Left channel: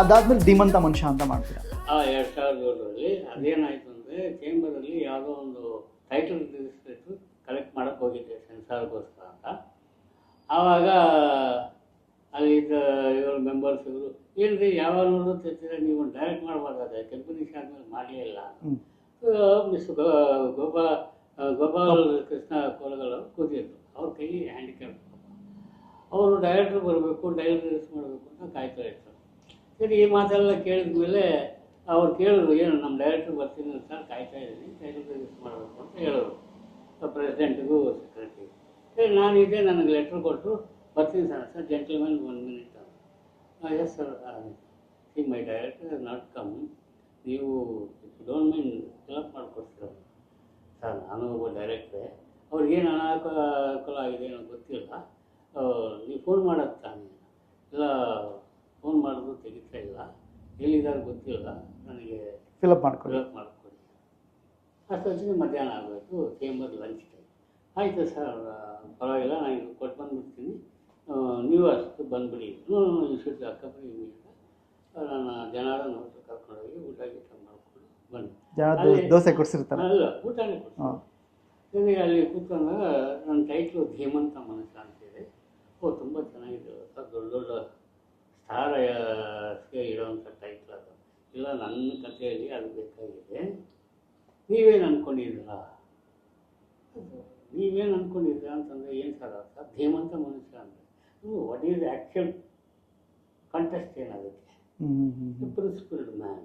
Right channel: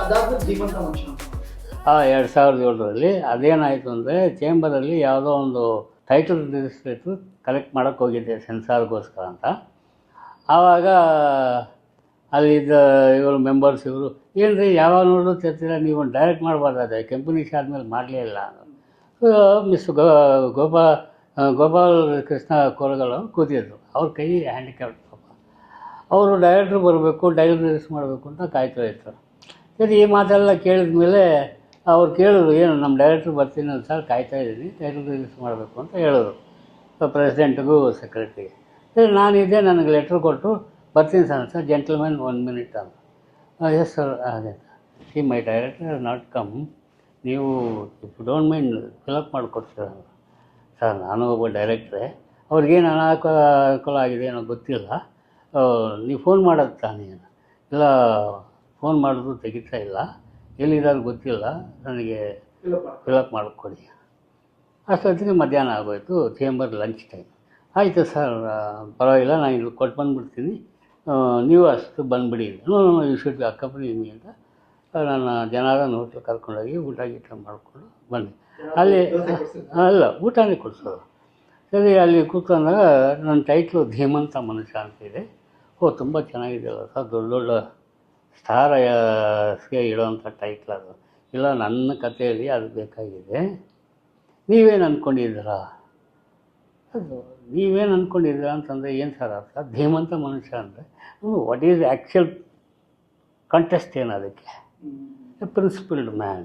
ಅದಾದ್ಮೇಲೆ ಧೀಮಂತ ಮನುಷ್ಯ ಅಂತ ಮಾಡ್ತೀರಾ? 2007ರಲ್ಲಿ ಅದೇನಾಯಿತು ಅಂದರೆ ಚೇಂಬರಲ್ಲಿ ಯಾವುದೋ ಒಂದು ಟೈಟಲ್ ರಿಜಿಸ್ಟ್ರೇಟ್ರು ಕಲೆಕ್ಟ್ ಮಾಡೋಕ್ಕೆ ಹೋಗಿದ್ದೆ ಸೆನ್ಸಾರ್ಗೋಸ್ಕರ ಅಂತ. ಆವಾಗ ಅಲ್ಲಿದ್ದ ಇವರು ಮೆಂಬರ್ಸ್ ಇವರು ಏನು ರೀ ಯಾವಾಗ ನೋಡಿದ್ರು ತಿರ್ತೀರ, ನೀವು ಡೈರೆಕ್ಟ್ ಮಾಡಬಾರ್ದಾದ್ರೆ ಕೆಂಪುನಿಷ ಆದಮೇಲೆ ಮಾಡಲೇ ಇಲ್ಲ. ಸೊ ಮಿಸ್ ಗೋಪಾಲ್ ಕೃಷ್ಣ ಕೋರಗಲ್ ಅವರು ಕೂತಿದ್ರು, ಅವ್ರ ಕೈ ಹ್ಯಾಂಡಿಕ್ಯಾಪ್ಟ್ ಪಾಪ. ಅವರು ಡೈರೆಕ್ಟ್ರು ಬರಬೇಕು, ಟೈಟಲ್ ರಿಜಿಸ್ಟರ್ ಮಾಡಬೇಕು ಅಂತ ಕಾಯ್ತಾ ಇತ್ತು. ಸರಿ ಈ ಮಾತೆಲ್ಲ ಕೇಳಿದ ಮೇಲೆ ಅವ್ರು ಕೇಳಿದ್ರು, ಏನು ನಮ್ಮ ಡೈರೆಕ್ಟ್ರು ಬರ್ತೀನಿ ಅಂತ ಸರ್, ಕಾಯ್ತಾ ಇದ್ದೀನಿ, ಟೈಟಲ್ ರಿಜಿಸ್ಟರ್ ಮಾಡಬೇಕು ಅಂತ ಹೇಳಿದ್ರು ಪ್ರೆಸಿಡೆಂಟ್ಗೂ ಸೆಕ್ರೆಟ್ರಿಗೆ. ಸರಿ ನಾನಿದ್ದೆ, ನನಗೆ ಲೆಟ್ರ್ ಕೊಟ್ಟು ಬರ್ತೀನಿ ಸರ್ ಜೆಂಟಲ್ಮೆನ್ 1 minute ಅಂತ. ಎಸ್ ಸರ್ ಅದೇ see my director not come, ನೀವು ಡೋಂಟ್ ಮೈಂಡ್ ಫಿಲಪ್ ಮಾಡಿಕೊಡ್ತೀರ ಸರ್. ನಾನು ಒಬ್ಬ ಡೈರೆಕ್ಟ್ರೆ, ಅವ್ರಿಗೇನು ಅನಾನುಕೂಲ ಆಗಿದೆ ಏನೋ ಗೊತ್ತಿಲ್ಲ, ನೀವು ಫೋನ್ ಮಾಡೋದು ತಾನೇ? ಇಲ್ಲ ಫೋನ್ ಮಾಡಿದ್ರು ತೆಗಿತಾ ಇಲ್ಲ, ಎಲ್ಲಿದ್ದಾರೆ ಗೊತ್ತಿಲ್ಲ, ನನಗೆ ಫಿಲಪ್ ಮಾಡಿಕೊಡಿ. ಅಷ್ಟೊತ್ತಿಗೆ ಮಧ್ಯಾಹ್ನ ಆಗೋಯ್ತು, ಚೇಂಬರ್ ಲಂಚ್ ಟೈಮ್. ಆಯಿತು ಸರ್ ಪರವಾಗಿಲ್ಲ, ನಾನು ಇಲ್ಲಿ ಕೊಟ್ಟು ಬಂದುಬಿಡ್ತೀನಿ, ನೀವು ಅಷ್ಟು ಬಂದುಬಿಡಿ. ಯು ಶುಡ್ ಬಿ ಅಕ್ಕಂಪನಿ ಮೀ ಅಂತ ನನ್ನ ಜನಾರ್ದನ್ ಹೋಟ್ಲ್ ಕರ್ಕೊಂಡೋಗಿ ಊಟ ಗೀಟ ಮಾಡಿಕೊಂಡು ಬಂದೆ. ಅಲ್ಲಿ ದೋಸೆ ಕೊಡಿಸಿರ್ತಾರೆ? ಅಲ್ಲ, ಊಟನೇ ಕೊಡಿಸೋದು. ಸರಿ ಅಲ್ಲಿ ಕೂತ್ಕೊಂಡಾಗ ನನ್ನ ಟೈಟ್ಲು ಧೀಮಂತ ಮನುಷ್ಯ ಅಂತಿದೆ. ತುಂಬ ಚೆನ್ನಾಗಿದೆಯಲ್ಲ ಸರ್, ದೊಡ್ಡ ದೊಡ್ಡ ಸ್ಟಾರ್ಸ್ಗೆ ಇಡೋವಂಥ ಟೈಟ್ಲ್ ಅದು. ಇಲ್ಲ ನನ್ನ ಕಥೆಯಲ್ಲಿ ಅದು ಬೇಕಾಗಿದೆ, ನೀವೇನು ಅಂದ್ಕೊಂಡಿದ್ದೀರಾ? ಅದು ನೀವೇನು ಅಂದ್ಕೊಂಡಿದ್ದೀರಾ ಅಂತಂದರೆ ಏನು ಸರ್ ಅರ್ಥ? ಧೀಮಂತ ಮನುಷ್ಯ ಅಂದರೆ ವಾಟ್ ಈಸ್ ಆ್ಯಕ್ಚುಯಲ್ ಕಂಟೆಸ್ಟ್ ಏನು ಅದಕ್ಕೆ? ಪ್ರಿನ್ಸಿಪಲ್ಡ್ ಮ್ಯಾನ್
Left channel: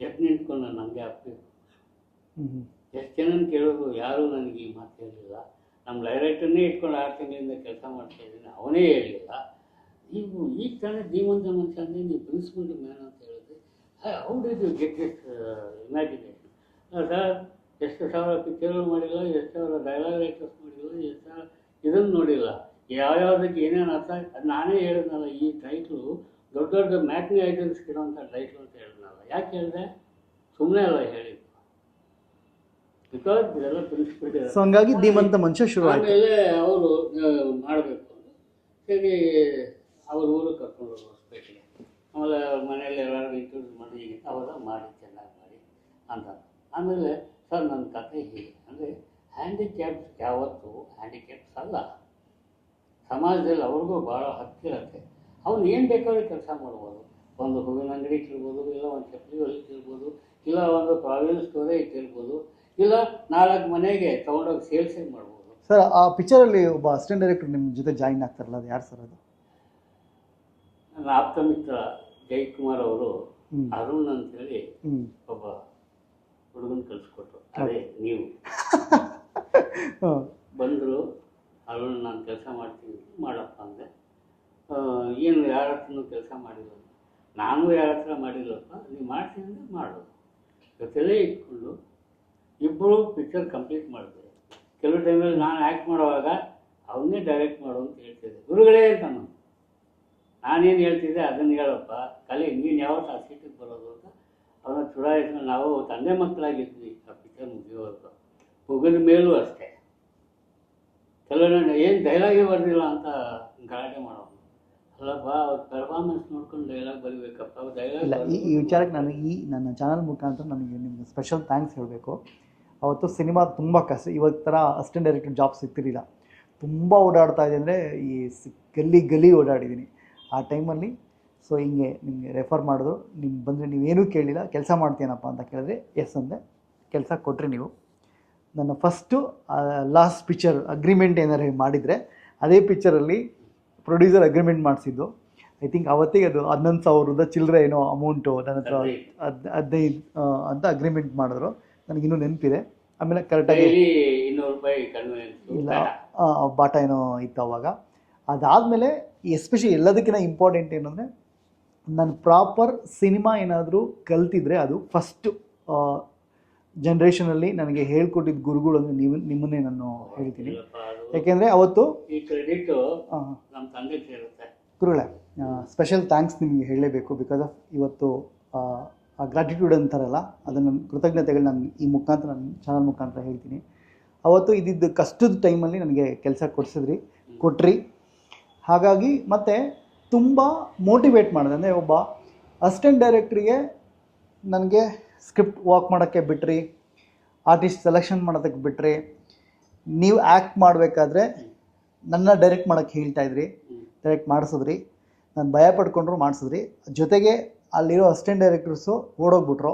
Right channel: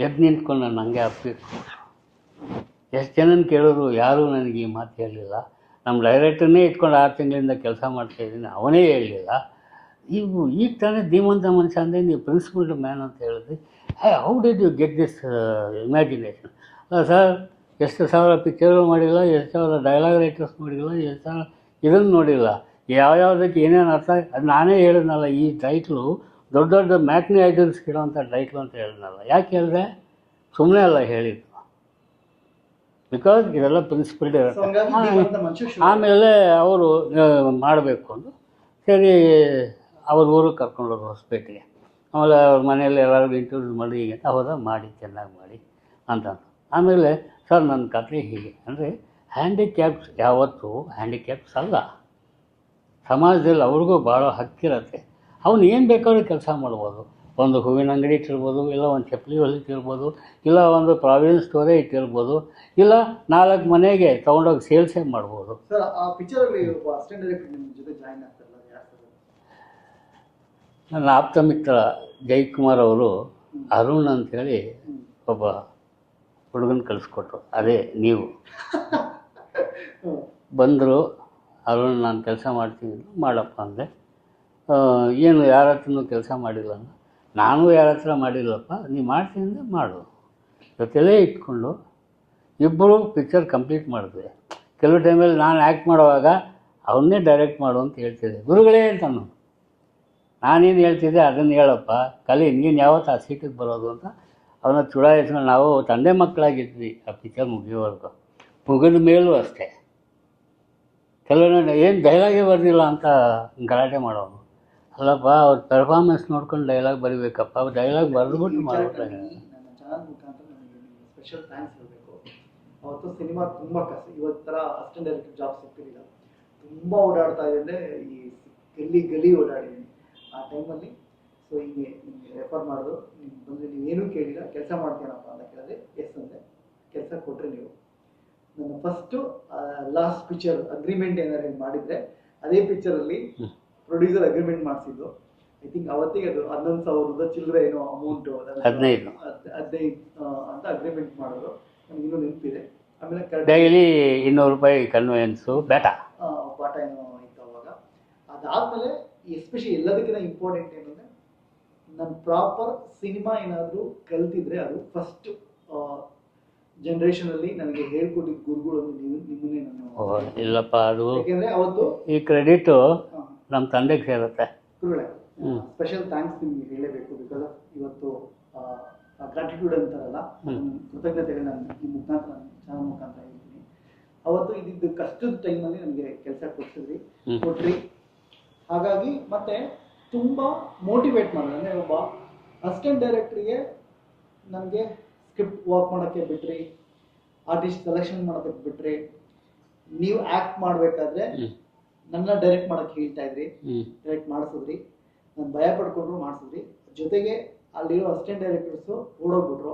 ಎದ್ದು ನಿಂತ್ಕೊಂಡು ನಾನು ಹಂಗೆ ಹಾಕಬೇಕು. ಎಷ್ಟು ಜನನ ಕೇಳಿದ್ರು ಯಾರೂ ನನಗೆ ಈ ಮಾತು ಹೇಳಲಿಲ್ಲ. ನಮ್ಮ ಡೈರೆಕ್ಟರ್ನೇ ಇಟ್ಕೊಂಡು 6 ತಿಂಗಳಿಂದ ಕೆಲಸ ಮಾಡ್ತಾಯಿದ್ದೀನಿ, ಅವನೇ ಹೇಳಲಿಲ್ಲ. ಈಗ ತಾನೇ ಧೀಮಂತ ಮನುಷ್ಯ ಅಂದರೆ ನೀವು ಪ್ರಿನ್ಸಿಪಲ್ಡ್ ಮ್ಯಾನ್ ಅಂತ ಹೇಳಿದ್ರಿ. How did you get this imagination? Sir ಎಷ್ಟು ಸಾವಿರ ಪಿಕ್ಚರು ಮಾಡಿಲ್ಲ, ಎಷ್ಟು ಸಾವಿರ ಡೈಲಾಗ್ ರೈಟರ್ಸ್ ನೋಡಿಲ್ಲ, ಎಷ್ಟು ಸಾವಿರ ಇದನ್ನು ನೋಡಿಲ್ಲ, ಯಾವ್ಯಾವುದಕ್ಕೆ ಏನೇನು ಅರ್ಥ. ಅದು ನಾನೇ ಹೇಳಿದ್ನಲ್ಲ, ಈ ಟೈಟ್ಲು ದೊಡ್ಡ ದೊಡ್ಡ ಮ್ಯಾಟ್ನಿ ಐಡಲ್ಸ್ಗೆ ಇಡೋವಂಥ ಟೈಟ್ಲು ಅಂತ ಹೇಳಿದ್ನಲ್ಲ. ಯಾಕೆ ಹೇಳಿದೆ? ಸುಮ್ಮನೆ ಅಲ್ಲ ಹೇಳಿದ್ದು, ಬಿಕಾಸ್ ಇದೆಲ್ಲ ಪ್ರಿನ್ಸಿಪಲ್ಡ್. ಆಮೇಲೆ ಅವರು ಮಾಡಬೇಕು ಅಂದು ಸರಿ ಅವ್ರ ಊರಿಗೆ ಕರ್ಕೊಂಡೋದ್ರು ಹೊಸಪೇಟೆಗೆ. ಆಮೇಲೆ ಅವ್ರ ಮನೆಯಲ್ಲಿ ಎಲ್ಲರಿಗೂ ಇಂಟ್ರೊಡ್ಯೂಸ್ ಮಾಡಿ ಹೀಗೆ ಹೌದಾ ಮಾಡಿ ಚೆನ್ನಾಗಿ ಮಾಡಿ ಅಂತ. ಆಮೇಲೆ ಸರ್ ನನ್ನ ಕಥೆ ಹೀಗೆ ಅಂದರೆ ಹ್ಯಾಂಡಿಕ್ಯಾಪ್ಸ್ ಯಾವತ್ತೂ ಹ್ಯಾಂಡಿಕ್ಯಾಪ್ಸ್ ಅಲ್ಲ, ಸಮಾಜದಲ್ಲಿ ಅವ್ರಿಗೂ ಭಾಳ ಹಕ್ಕಿರತ್ತೆ. ಅವನು ಏನು ಬೇಕಾದ್ರೂ ಕೆಲಸ ಮಾಡ್ಬೋದು. ಒಂದು ಹೂವಿನ ಅಂಗಡಿ ಇಟ್ಟಿರ್ಬೋದು, ಇಲ್ಲ ಒಂದು ಚಪ್ಪಲಿ ಹೊಲಿತಿರ್ಬೋದು, ಇಲ್ಲ ಒಂದು ಪ್ರಾವಿಷನ್ ಸ್ಟೋರೇ ಇಟ್ಟಿರ್ಬೋದು, ಇಲ್ಲ 4 ಮನೆಗೆ ತೊಗೊಂಡೋಗಿ ಸೇಲ್ಸೇ ಮಾಡ್ಬೋದು. ಸರ್ ಆ ಪಿಕ್ಚರಲ್ಲಿ ಒಬ್ಬ ಅಸಿಸ್ಟೆಂಟ್ ಡೈರೆಕ್ಟರ್ ನಿಮ್ಮ ಜೊತೆ ಜಾಯಿನ್ ಆಗ್ತಾರಲ್ಲ, ಅದು ಯಾರು ಸರ್? ಅದು ನನ್ನ ಆಪ್ತ ಮಿತ್ರ ಜಯಕುಮಾರ್ ಅವರು ಅರುಣ್ ಅಂಥೇಳಿ ಒಬ್ಬ ಹುಡುಗನ ಕಳಿಸ್ಕೊಟ್ರು. ಅದೇ ನೀವು ಬಂದರು. ಅರುಣ್ ನಾನು ಕೆಲಸ ಮಾಡ್ತೀನಿ, ಮಾಡಪ್ಪ ಅಂದೆ. ಏನು ಯಾರ ಹತ್ರನೂ ಕೆಲಸ ಮಾಡಿಲ್ಲ, ನಾನು ಯಾರ ಹತ್ರ ಮಾಡಿಲ್ಲಪ್ಪ, ನೀವು ಮಾಡ್ತೀನಿ ಅಂದರೆ ಮಾಡು. ಜೊತೆಲೇ ಇಟ್ಕೊಂಡು ಇಬ್ಬರು ಪಿಕ್ಚರ್ ಕಂಪ್ಲೀಟ್ ಮಾಡಿದ್ವಿ. ಕೆಲವು ಟೈಮಲ್ಲಿ ನಾನು ಆ್ಯಕ್ಟ್ ಮಾಡುವಾಗ ಅವನ್ನೇ ಡೈರೆಕ್ಟ್ ಮಾಡು ಅಂತ ಹೇಳ್ತಿದ್ದೆ. ಗುರುಗಳೇ ಅಂತಾನು, ನಾನೇನು ಹೇಳ್ತಿದ್ದೆ ಅದನ್ನು ಹೇಳಪ್ಪ, ಕಲಿ, ನೀನು ಯಾವತ್ತು ಆ ಸೀಟಿಗೆ ಬರೋದು ಅಂತ ಅವನ್ನ ಚುಡಾಯಿಸ್ಕೊಂಡು ನಾವು ತಂದೆ ಮಕ್ಕಳಾಗಿದ್ವಿ. ಆ ಪಿಕ್ಚರ್ ಮುಗಿಯೋವರೆಗೂ, ಮುಗಿದ ಮೇಲೂ ಅಷ್ಟೇ. ಕೆಲವೊಂದು ಏನು ಡೈಲಾಗೇ ಬರಲಿಲ್ಲ ಅಂತ ಗಲಾಟೆ ಮಾಡೋನು. ಅಲ್ಲಪ್ಪ ಅವ್ರ ಪರ್ಫಾರ್ಮೆನ್ಸ್ ನೋಡ್ಕೊಂಡು ಡೈಲಾಗ್ ಬರೀಬೇಕಪ್ಪ, ಡೈಲಾಗ್ ಬರೆದ್ಬಿಟ್ಟು ವಿಚಾರಕ್ಕೆ ನನಗೆ ನನ್ನ ಚಾನಲ್ ಮುಖಾಂತರ ನಿಮಗೆ ಸ್ಪೆಷಲ್ ಥ್ಯಾಂಕ್ಸ್ ಹೇಳಬೇಕು. ಅವತ್ತು ಸಿನಿಮಾ ತುಂಬ ಕಷ್ಟ, ಇವತ್ತು ಥರ ಅಸಿಸ್ಟೆಂಟ್ ಡೈರೆಕ್ಟರ್ ಜಾಬ್ ಸಿಗ್ತಿರಲಿಲ್ಲ. ತುಂಬ ಓಡಾಡ್ತಾ ಇದೆ ಅಂದರೆ ಈ ಗಲ್ಲಿ ಓಡಾಡಿದ್ದೀನಿ ಆ ಟೈಮಲ್ಲಿ. ಸೊ ಹಿಂಗೆ ನಿಮಗೆ ರೆಫರ್ ಮಾಡಿದ್ರು, ನಿಮ್ಗೆ ಬಂದರೆ ನೀವೇನೂ ಕೇಳಿಲ್ಲ, ಕೆಲಸ ಮಾಡ್ತೀನಪ್ಪ ಅಂತ ಕೇಳಿದ್ರೆ ಎಸ್ ಅಂದೆ. ಕೆಲಸ ಕೊಟ್ಟರೆ ನೀವು. ನನ್ನ ಫಸ್ಟು ಲಾಸ್ಟ್ ಪಿಕ್ಚರ್ ಅಗ್ರಿಮೆಂಟ್ ಏನಾರು ಮಾಡಿದರೆ ಅದೇ ಪಿಕ್ಚರಲ್ಲಿ ಪ್ರೊಡ್ಯೂಸರ್ ಅಗ್ರಿಮೆಂಟ್ ಮಾಡಿಸಿದ್ದು. ಐ ಥಿಂಕ್ ಅವತ್ತಿಗೆ ಅದು 11,000 ಚಿಲ್ಲರೆ ಏನೋ ಅಮೌಂಟು, 15 ಅಂತ ಅಗ್ರಿಮೆಂಟ್ ಮಾಡಿದ್ರು. ನನಗಿನ್ನೂ ನೆನಪಿದೆ. ಆಮೇಲೆ ಕರೆಕ್ಟಾಗಿ 200 ರೂಪಾಯಿ ಕನ್ವೆನ್ಸು ಬಾಟ ಏನೋ ಇತ್ತು ಅವಾಗ. ಅದಾದಮೇಲೆ ಎಸ್ಪೆಷಲಿ ಎಲ್ಲದಕ್ಕಿಂತ ಇಂಪಾರ್ಟೆಂಟ್ ಏನು ಅಂದರೆ, ನಾನು ಪ್ರಾಪರ್ ಸಿನಿಮಾ ಏನಾದರೂ ಕಲ್ತಿದ್ರೆ ಅದು ಫಸ್ಟು ಜನ್ರೇಷನಲ್ಲಿ ನನಗೆ ಹೇಳ್ಕೊಟ್ಟಿದ್ದ ಗುರುಗಳು ಅಂದರೆ ನಿಮ್ಮನ್ನೇ ನಾನು. ಇಲ್ಲಪ್ಪ, ಅದು ಯಾಕೆಂದರೆ ಅವತ್ತು ಈ ಕ್ರೆಡಿಟು ನಮ್ಮ ತಂದೆಗೆ ಸೇರುತ್ತೆ. ಗುರುಗಳೇ, ಸ್ಪೆಷಲ್ ಥ್ಯಾಂಕ್ಸ್ ನಿಮಗೆ ಹೇಳಲೇಬೇಕು. ಬಿಕಾಸ್ ಆಫ್ ಇವತ್ತು ಗ್ರಾಟಿಟ್ಯೂಡ್ ಅಂತಾರಲ್ಲ, ಅದನ್ನು ಕೃತಜ್ಞತೆಗಳು ನಾನು ಈ ಮುಖಾಂತರ ನನ್ನ ಚಾನಲ್ ಮುಖಾಂತರ ಹೇಳ್ತೀನಿ. ಅವತ್ತು ಇದ್ದಿದ್ದು ಕಷ್ಟದ ಟೈಮಲ್ಲಿ ನನಗೆ ಕೆಲಸ ಕೊಟ್ರಿ. ಹಾಗಾಗಿ ಮತ್ತೆ ತುಂಬ ಮೋಟಿವೇಟ್ ಮಾಡಿದೆ. ಅಂದರೆ ಒಬ್ಬ ಅಸಿಸ್ಟೆಂಟ್ ಡೈರೆಕ್ಟ್ರಿಗೆ ನನಗೆ ಸ್ಕ್ರಿಪ್ಟ್ ವರ್ಕ್ ಮಾಡೋಕ್ಕೆ ಬಿಟ್ರಿ, ಆರ್ಟಿಸ್ಟ್ ಸೆಲೆಕ್ಷನ್ ಮಾಡೋದಕ್ಕೆ ಬಿಟ್ರಿ, ನೀವು ಆ್ಯಕ್ಟ್ ಮಾಡಬೇಕಾದ್ರೆ ನನ್ನ ಡೈರೆಕ್ಟ್ ಮಾಡೋಕ್ಕೆ ಹೇಳ್ತಾಯಿದ್ರಿ, ಡೈರೆಕ್ಟ್ ಮಾಡಿಸಿದ್ರಿ, ನಾನು ಭಯ ಪಡ್ಕೊಂಡ್ರು ಮಾಡಿಸಿದ್ರಿ. ಜೊತೆಗೆ ಅಲ್ಲಿರೋ ಅಸಿಸ್ಟೆಂಟ್ ಡೈರೆಕ್ಟರ್ಸು ಓಡೋಗ್ಬಿಟ್ರು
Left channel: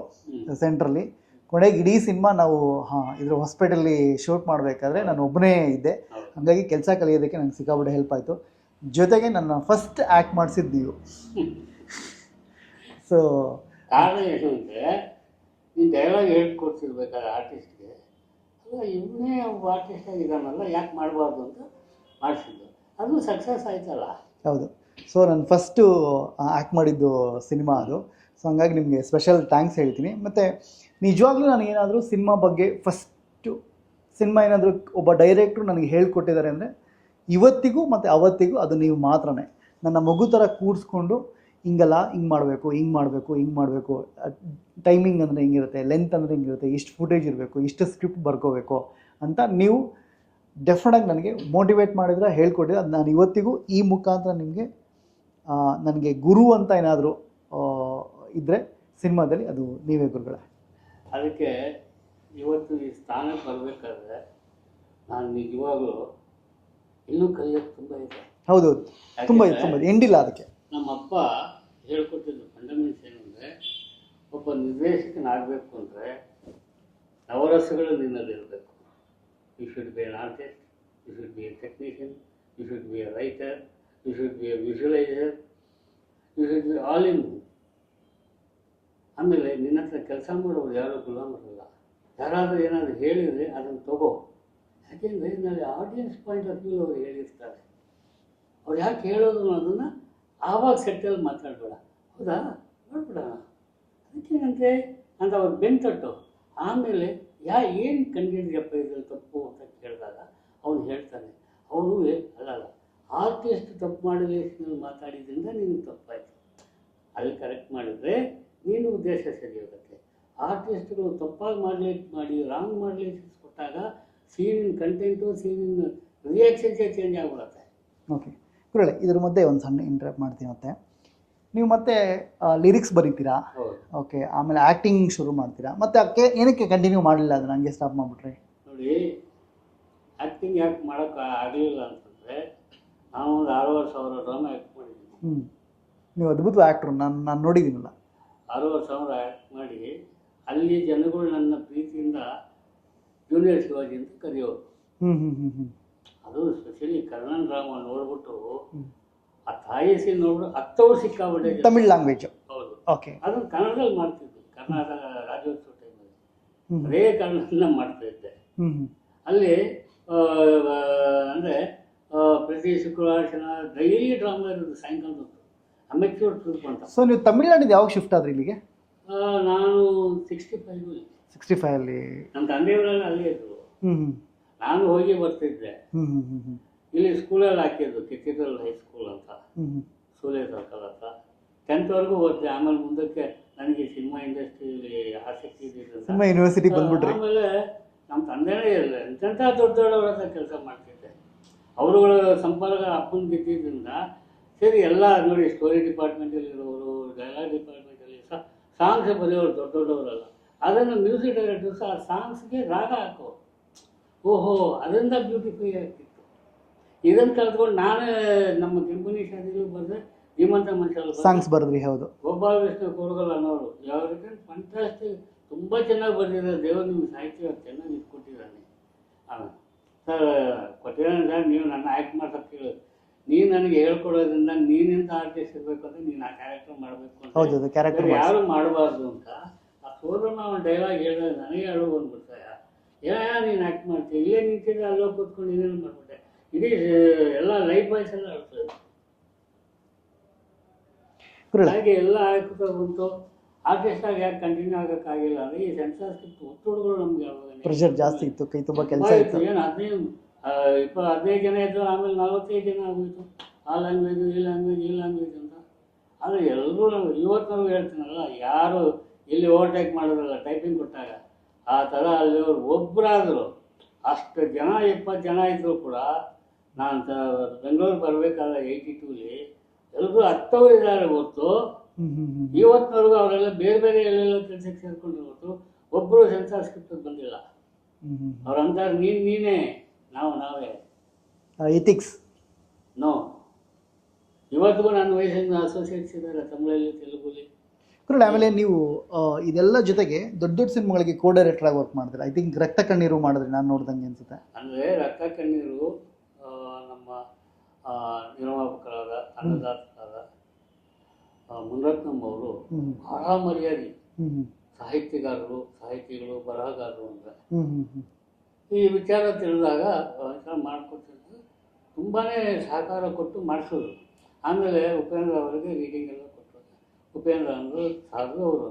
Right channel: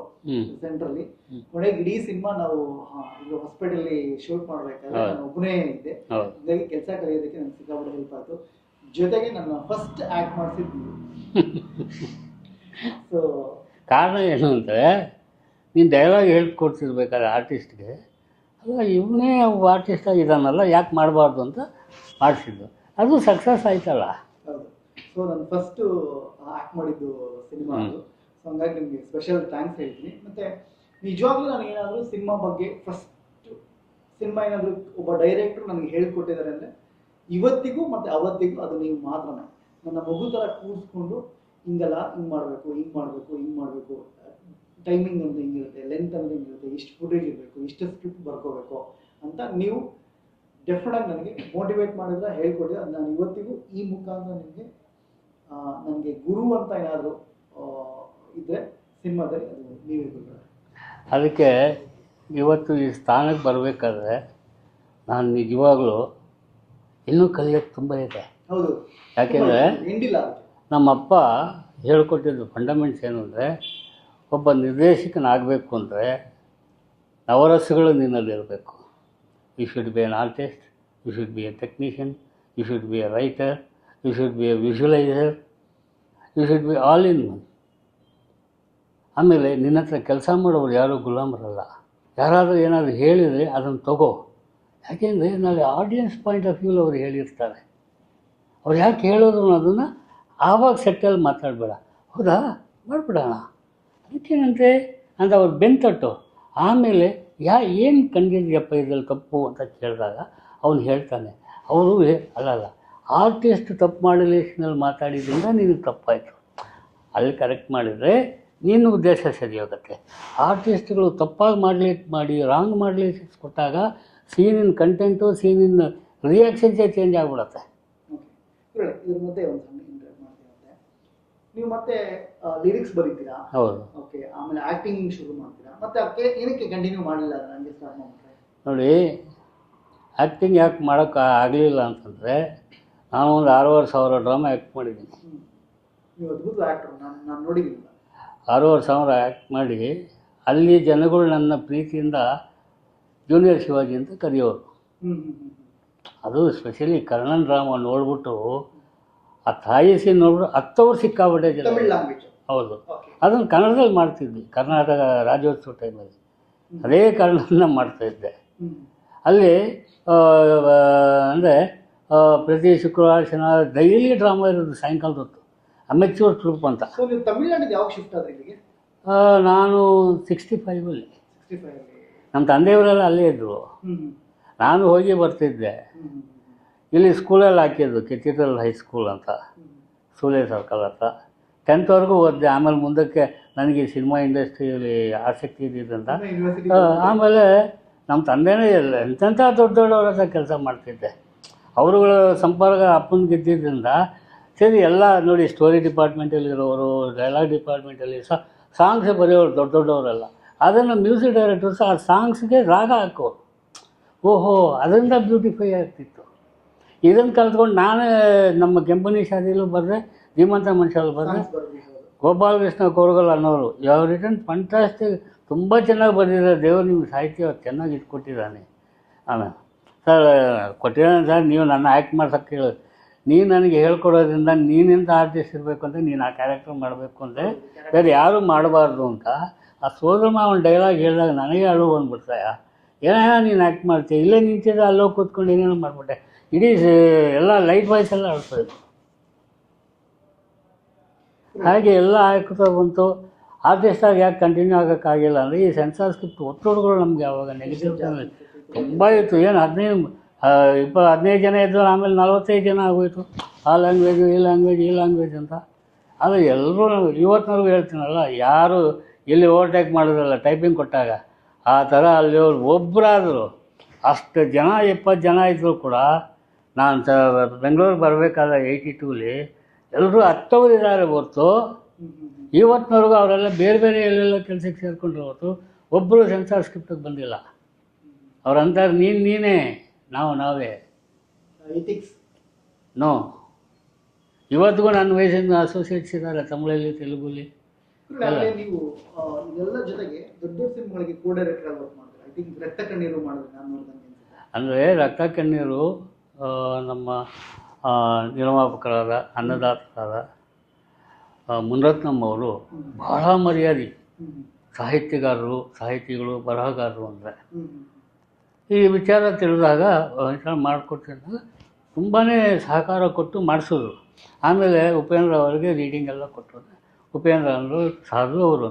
ಸೆಂಟ್ರಲ್ಲಿ. ಕೊನೆಗೆ ಇಡೀ ಸಿನಿಮಾ ನಾವು ಇದ್ರ ಹಾಸ್ಪಿಟಲ್ಲಿ ಶೂಟ್ ಮಾಡಬೇಕಾದ್ರೆ ನಾನು ಒಬ್ಬನೇ ಇದ್ದೆ. ಹಾಗಾಗಿ ಕೆಲಸ ಕಲಿಯೋದಕ್ಕೆ ನಂಗೆ ಸಿಕ್ಕಾಬಿಟ್ಟೆ ಹೆಲ್ಪ್ ಆಯಿತು. ಜೊತೆಗೆ ನನ್ನ ಫಸ್ಟ್ ಆ್ಯಕ್ಟ್ ಮಾಡಿಸಿದ್ದು ನೀವು. ಸೊ ಕಾರಣ ಏನು ಅಂದರೆ, ನೀನು ಡೈಲಾಗ್ ಹೇಳ್ಕೊಡ್ತಿರ್ಬೇಕಾದ್ರೆ ಆರ್ಟಿಸ್ಟ್ಗೆ, ಅಲ್ಲ ಇವನೇ ಆರ್ಟಿಸ್ಟ್ ಆಗಿದ್ದಾನಲ್ಲ ಯಾಕೆ ಮಾಡಬಾರ್ದು ಅಂತ ಮಾಡಿಸಿದ್ದು, ಅದು ಸಕ್ಸಸ್ ಆಯ್ತಲ್ಲ. ಹೌದು. ಸೊ ನಾನು ಫಸ್ಟು ಆ್ಯಕ್ಟ್ ಮಾಡಿದ್ದು ಸಿನಿಮಾ ಅದು. ಸೊ ಹಂಗಾಗಿ ನಿಮಗೆ ಸ್ಪೆಷಲ್ ಥ್ಯಾಂಕ್ಸ್ ಹೇಳ್ತೀನಿ. ಮತ್ತು ನಿಜವಾಗ್ಲೂ ನನಗೇನಾದರೂ ಸಿನಿಮಾ ಬಗ್ಗೆ ಫಸ್ಟು ಸಿನಿಮಾ ಏನಾದರೂ ಒಬ್ಬ ಡೈರೆಕ್ಟ್ರು ನನಗೆ ಹೇಳ್ಕೊಟ್ಟಿದ್ದಾರೆ ಅಂದರೆ ಇವತ್ತಿಗೂ ಮತ್ತು ಅವತ್ತಿಗೂ ಅದು ನೀವು ಮಾತ್ರನೇ. ನನ್ನ ಮಗು ಥರ ಕೂಡಿಸ್ಕೊಂಡು ಹಿಂಗಲ್ಲ, ಹಿಂಗೆ ಮಾಡಬೇಕು, ಹಿಂಗೆ ಮಾಡಬೇಕು, ಹಿಂಗೆ ಮಾಡಬೇಕು, ಟೈಮಿಂಗ್ ಅಂದರೆ ಹಿಂಗಿರುತ್ತೆ, ಲೆಂತ್ ಅಂದರೆ ಹಿಂಗಿರುತ್ತೆ, ಇಷ್ಟು ಫುಟೇಜ್ ಇರಬೇಕು, ಇಷ್ಟು ಸ್ಕ್ರಿಪ್ಟ್ ಬರ್ಕೋಬೇಕು ಅಂತ ನೀವು ಡೆಫಿನೆಟಾಗಿ ನನಗೆ ಮೋಟಿವೇಟ್ ಮಾಡಿದ್ರೆ, ಹೇಳ್ಕೊಟ್ಟಿದ್ರೆ. ಅದು ನಾನು ಇವತ್ತಿಗೂ ಈ ಮುಖಾಂತರ ನಿಮಗೆ ನನಗೆ ಗುರು ಅಂತ ಏನಾದರೂ ಇದ್ದರೆ ಸಿನಿಮಾದಲ್ಲಿ ಅದು ನೀವೇ ಗುರುಗಳೇ. ಅದಕ್ಕೆ ಇವತ್ತು ಈ ಸ್ಥಾನಕ್ಕೆ ಬರಬೇಕಾದ್ರೆ ನಾನು ನಿಜವಾಗ್ಲೂ ಇನ್ನೂ ಕಲಿಯೋಕ್ಕೆ ತುಂಬ ಇದೆ. ಹೌದು, ಯಾಕೆಂದರೆ ಎಂಡಿಲ್ಲ ಅದಕ್ಕೆ. ನಮ್ಮಪ್ಪ ಹೇಳ್ಕೊಟ್ಟಿದ್ದು ಫಂಡಮೆಂಟ್ಸ್ ಏನು ಅಂದರೆ, ಒಬ್ಬ ನಿರ್ದೇಶಕನಾಗಬೇಕು ಅಂದರೆ ನವರಸಗಳು ನಿನ್ನಲ್ಲಿರಬೇಕು. You should be an artist, you should be a technician, you should be a writer, you should be a visualiser, you should be all in one. ಆಮೇಲೆ ನಿನ್ನ ಹತ್ರ ಕೆಲಸ ಮಾಡೋರು ಯಾರೂ ಗುಲಾಮರಲ್ಲ. ಯಾರಾದರೂ ಏನಾದರೂ ಹೇಳಿದರೆ ಅದನ್ನು ತಗೋ. ಯಾಕೆಂದರೆ ನಾಳೆ ಆಡಿಯನ್ಸ್ ಪಾಯಿಂಟ್ ಆಫ್ ವ್ಯೂಲಿ ಅವ್ರು ಹೇಳಿರ್ತಾರೆ. ಅವ್ರು ಯಾಕೆ ಹೇಳಿದ್ರು ಅನ್ನೋದನ್ನು ಆವಾಗ ಸೆಟ್ಟಲ್ಲಿ ಮಾತಾಡಬೇಡ. ಹೌದಾ, ಮಾಡಿಬಿಡೋಣ, ಅದಕ್ಕೇನಂತೆ ಅಂತ ಅವ್ರು ಬೆಂತಟ್ಟು. ಆಮೇಲೆ ಏನು ಕಂಡಿದ್ಯಪ್ಪ ಇದ್ರಲ್ಲಿ ತಪ್ಪು ಅಂತ ಕೇಳಿದಾಗ ಅವನು ಹೇಳ್ತಾನೆ. ಅವರು ಅಲ್ಲ ಆರ್ಟಿಸ್ಟ್ ತಪ್ಪು ಮಾಡಲೇಷನಲ್ಲಿ ಮಾತಾಡಿದ್ರಿಂದ ನಿನಗೆ ತಪ್ಪಾಯಿತು, ಅಲ್ಲಿ ಕರೆಕ್ಟ್ ಮಾಡಿದರೆ ನಿನ್ನ ಉದ್ದೇಶ ಸರಿ ಹೋಗುತ್ತೆ. ಆರ್ಟಿಸ್ಟ್ಗಳು ತಪ್ಪಾಗಿ ಮಾಡಿ ರಾಂಗ್ ಮಾಡಲೇಷನ್ಸ್ ಕೊಟ್ಟಾಗ ಸೀನಿನ ಕಂಟೆಂಟು, ಸೀನಿನ ರಿಯಾಕ್ಷನ್ಸೇ ಚೇಂಜ್ ಆಗಿಬಿಡುತ್ತೆ. ಓಕೆ ಗುರುಗಳೇ, ಇದ್ರ ಮಧ್ಯೆ ಒಂದು ಸಣ್ಣ ಇಂಟ್ರಪ್ಟ್ ಮಾಡ್ತೀನಿ. ಮತ್ತೆ ನೀವು ಮತ್ತೆ ಲಿರಿಕ್ಸ್ ಬರೀತೀರಾ? ಹೌದು. ಓಕೆ, ಆಮೇಲೆ ಆ್ಯಕ್ಟಿಂಗ್ ಶುರು ಮಾಡ್ತೀರಾ, ಮತ್ತು ಅದಕ್ಕೆ ಏನಕ್ಕೆ ಕಂಟಿನ್ಯೂ ಮಾಡಲಿಲ್ಲ, ಅದನ್ನು ಹಂಗೆ ಸ್ಟಾಪ್ ಮಾಡಿಬಿಟ್ರಿ? ನೋಡಿ, ಆ್ಯಕ್ಟಿಂಗ್ ಯಾಕೆ ಮಾಡೋಕ್ಕೆ ಆಗಲಿಲ್ಲ ಅಂತಂದರೆ, ನಾನು ಒಂದು 6,500 ಡ್ರಾಮಾ ಆ್ಯಕ್ಟ್ ಮಾಡಿದ್ದೀನಿ. ನೀವು ಅದ್ಭುತ ಆ್ಯಕ್ಟ್ರು, ನಾನು ನೋಡಿದ್ದೀನಲ್ಲ. 6,500 ಆ್ಯಕ್ಟ್ ಮಾಡಿ ಅಲ್ಲಿ ಜನಗಳು ನನ್ನ ಪ್ರೀತಿಯಿಂದ ಜೂನಿಯರ್ ಶಿವಾಜಿ ಅಂತ ಕರೆಯೋರು. ಅದು ಸ್ಪೆಷಲಿ ಕರ್ಣನ್ ಡ್ರಾಮಾ ನೋಡ್ಬಿಟ್ಟು ಆ ತಾಯಿ ಸೀನ್ ನೋಡ್ಬಿಟ್ಟು 10 ವರ್ಷ ಸಿಕ್ಕಾಬಿಟ್ಟೆ. ತಮಿಳ್ ಲ್ಯಾಂಗ್ವೇಜ್. ಹೌದು. ಓಕೆ. ಅದನ್ನು ಕನ್ನಡದಲ್ಲಿ ಮಾಡ್ತಿದ್ವಿ. ಕರ್ನಾಟಕ ರಾಜ್ಯೋತ್ಸವ ಟೈಮಲ್ಲಿ ಅದೇ ಕನ್ನಡನ ಮಾಡ್ತಾಯಿದ್ದೆ. ಅಲ್ಲಿ ಅಂದರೆ ಪ್ರತಿ ಶುಕ್ರವಾರ ಶನಿವಾರ ಡೈಲಿ ಡ್ರಾಮಾ ಇರೋದು ಸಾಯಂಕಾಲದ ಹೊತ್ತು, ಅಮೆಚ್ಯೂರ್ ಟ್ರೂಪ್ ಅಂತ. ಸೊ ನೀವು ತಮಿಳ್ನಾಡಿದ್ದು ಯಾವಾಗ ಶಿಫ್ಟ್ ಆದ್ರಿ ಇಲ್ಲಿಗೆ? ನಾನು 65ಅಲ್ಲಿ. 65ಅಲ್ಲಿ ನಮ್ಮ ತಂದೆಯವರೆಲ್ಲ ಅಲ್ಲೇ ಇದ್ದರು. ನಾನು ಹೋಗಿ ಬರ್ತಿದ್ದೆ. ಇಲ್ಲಿ ಸ್ಕೂಲಲ್ಲಿ ಹಾಕಿದ್ದು ಕೆಥಿಡ್ರಲ್ ಹೈಸ್ಕೂಲ್ ಅಂತ, ಸೂಲೆ ಸರ್ಕಲ್ ಅಂತ. 10th ಓದಿದೆ. ಆಮೇಲೆ ಮುಂದಕ್ಕೆ ನನಗೆ ಸಿನಿಮಾ ಇಂಡಸ್ಟ್ರಿಯಲ್ಲಿ ಆಸಕ್ತಿ ಇದ್ದಿದ್ದಂತ ಯೂನಿವರ್ಸಿಟಿ. ಆಮೇಲೆ ನಮ್ಮ ತಂದೆನೇ ಇಲ್ಲ, ಎಂತೆಂಥ ದೊಡ್ಡವ್ರ ಹತ್ರ ಕೆಲಸ ಮಾಡ್ತಿದ್ದೆ. ಅವರುಗಳ ಸಂಪರ್ಕ ಅಪ್ಪನಿಗೆ ಇದ್ದಿದ್ದರಿಂದ ಸರಿ ಎಲ್ಲ ನೋಡಿ, ಸ್ಟೋರಿ ಡಿಪಾರ್ಟ್ಮೆಂಟಲ್ಲಿರೋರು, ಡೈಲಾಗ್ ಡಿಪಾರ್ಟ್ಮೆಂಟಲ್ಲಿ ಸಾಂಗ್ಸೇ ಬರೆಯೋರು ದೊಡ್ಡವರೆಲ್ಲ. ಅದನ್ನು ಮ್ಯೂಸಿಕ್ ಡೈರೆಕ್ಟರ್ಸ್ ಆ ಸಾಂಗ್ಸ್ಗೆ ರಾಗ ಹಾಕೋರು. ಓಹೋ, ಅದರಿಂದ ಬ್ಯೂಟಿಫೈ ಆಗ್ತಿತ್ತು. ಇದನ್ನು ಕಲ್ತ್ಕೊಂಡು ನಾನೇ ನಮ್ಮ ಕೆಂಪನಿ ಶಾದಿಲೂ ಬರೆದೆ, ಧೀಮಂತ ಮನುಷ್ಯಲ್ಲಿ ಸಾಂಗ್ಸ್ ಬರೆದ್ರಿ. ಹೌದು. ಗೋಪಾಲಕೃಷ್ಣ ಕೋರಗಲ್ ಅನ್ನೋರು ಯಾವ ರಿಟರ್ನ್ ಫಂಟಾಸ್ಟಿಕ್, ತುಂಬ ಚೆನ್ನಾಗಿ ಬರೆದಿದ್ದಾರೆ. ದೇವರು ನಿಮ್ಗೆ ಸಾಹಿತ್ಯ ಚೆನ್ನಾಗಿ ಇಟ್ಕೊಟ್ಟಿದ್ದಾನೆ. ಆಮೇಲೆ ಸರ್ ಕೊಟ್ಟಿದ್ದಾನೆ ಸರ್, ನೀವು ನನ್ನ ಆ್ಯಕ್ಟ್ ಮಾಡ್ಸೋಕ್ಕೆ ಹೇಳಿ, ನೀನು ನನಗೆ ಹೇಳ್ಕೊಡೋದ್ರಿಂದ ನೀನೆಂತ ಆರ್ಟಿಸ್ಟ್ ಇರಬೇಕು ಅಂತ, ನೀನು ಆ ಕ್ಯಾರೆಕ್ಟರ್ ಮಾಡಬೇಕು ಅಂತ ಬೇರೆ ಯಾರೂ ಮಾಡಬಾರ್ದು ಅಂತ ಆ ಸೋದರ ಮಾವನ ಡೈಲಾಗ್ ಹೇಳಿದಾಗ ನನಗೆ ಅಳು ಬಂದ್ಬಿಡ್ತಾಯ. ಏನೇನೋ ನೀನು ಆ್ಯಕ್ಟ್ ಮಾಡ್ತೀಯ, ಇಲ್ಲೇ ನಿಂತಿದ್ದೆ, ಅಲ್ಲೋಗಿ ಕೂತ್ಕೊಂಡು ಏನೇನೋ ಮಾಡಿಬಿಟ್ಟೆ. ಇಡೀ ಎಲ್ಲ ಲೈಟ್ ವಾಯ್ಸ್ ಎಲ್ಲ ಅಳ್ತಾಯಿತ್ತು. ಹಾಗೆ ಎಲ್ಲ ಆಗ್ತಾ ಬಂತು. ಆರ್ಟಿಸ್ಟಾಗಿ ಯಾಕೆ ಕಂಟಿನ್ಯೂ ಆಗೋಕ್ಕಾಗಿಲ್ಲ ಅಂದರೆ, ಈ ಸೆನ್ಸಾರ್ ಸ್ಕ್ರಿಪ್ಟ್ ಒತ್ತಡಗಳು ನಮಗೆ ಯಾವಾಗ ಜಾಸ್ತಿ ಇತ್ತು, ತುಂಬ ಇತ್ತು. ಏನು 15 ಜನ ಇದ್ದರು, ಆಮೇಲೆ 45 ಜನ ಆಗೋಯ್ತು. ಆ ಲ್ಯಾಂಗ್ವೇಜು, ಈ ಲ್ಯಾಂಗ್ವೇಜ್ ಅಂತ. ಅದು ಎಲ್ಲರೂ ಇವತ್ತಿನವರೆಗೂ ಹೇಳ್ತೀನಲ್ಲ, ಯಾರು ಇಲ್ಲಿ ಓವರ್ಟೇಕ್ ಮಾಡಿದ್ರಲ್ಲ ಟೈಪಿಂಗ್ ಕೊಟ್ಟಾಗ, ಆ ಥರ ಅಲ್ಲಿ ಒಬ್ಬರಾದರು ಅಷ್ಟು ಜನ 20 ಜನ ಇದ್ದರೂ ಕೂಡ, ನಾನು ಬೆಂಗಳೂರಿಗೆ ಬರಬೇಕಾದ್ರೆ 82ಲಿ ಎಲ್ಲರೂ ಹತ್ತವರಿದ್ದಾರೆ ಹೊರತು ಹ್ಮ್ ಹ್ಮ್ ಹ್ಮ್ ಇವತ್ತಿನವರೆಗೂ ಅವರೆಲ್ಲ ಬೇರೆ ಬೇರೆ ಎಲ್ಲೆಲ್ಲ ಕೆಲಸಕ್ಕೆ ಸೇರಿಕೊಂಡ್ರೆ ಹೊರತು ಒಬ್ಬರು ಸೆನ್ಸಾರ್ ಸ್ಕ್ರಿಪ್ಟಿಗೆ ಬಂದಿಲ್ಲ. ಹ್ಮ್ ಹ್ಮ್ ಅವ್ರಂತಾರೆ ನೀನೇ ನಾವೇ ಇಥಿಕ್ಸ್. ನೋ. ಇವತ್ತಿಗೂ ನನ್ನ ವಯಸ್ಸಿನ ಅಸೋಸಿಯೇಟ್ಸ್ ಇದ್ದಾರೆ ತಮಿಳಲ್ಲಿ, ತೆಲುಗಲ್ಲಿ. ಆಮೇಲೆ ನೀವು ಇದೆಲ್ಲ ಜೊತೆಗೆ ದೊಡ್ಡ ದೊಡ್ಡ ಸಿನಿಮಾಗಳಿಗೆ ಕೋ ಡೈರೆಕ್ಟರ್ ಆಗಿ ವರ್ಕ್ ಮಾಡಿದ್ರೆ, ಐ ಥಿಂಕ್ ರಕ್ತ ಕಣ್ಣೀರು ಮಾಡಿದ್ರಿ ನಾನು ನೋಡ್ದಂಗೆ ಅನ್ಸುತ್ತೆ. ಅಂದರೆ ರಕ್ತ ಕಣ್ಣೀರು ನಮ್ಮ ನಿರ್ಮಾಪಕರಾದ ಅನ್ನದಾತರಾದ ಮುನರತ್ನಂ ಅವರು ಬಹಳ ಮರ್ಯಾದೆ, ಸಾಹಿತಿಗಳು, ಬರಹಗಾರರು ಅಂದರೆ ಈ ವಿಚಾರ ತಿಳಿದಾಗ ಮಾಡಿಕೊಟ್ಟಿದ್ದಾಗ ತುಂಬಾ ಸಹಕಾರ ಕೊಟ್ಟು ಮಾಡಿಸೋದು. ಆಮೇಲೆ ಉಪೇಂದ್ರ ಅವರಿಗೆ ರೀಡಿಂಗ್ ಎಲ್ಲ ಕೊಟ್ಟರು. ಉಪೇಂದ್ರ ಅವರು ಸಾಧು ಅವರು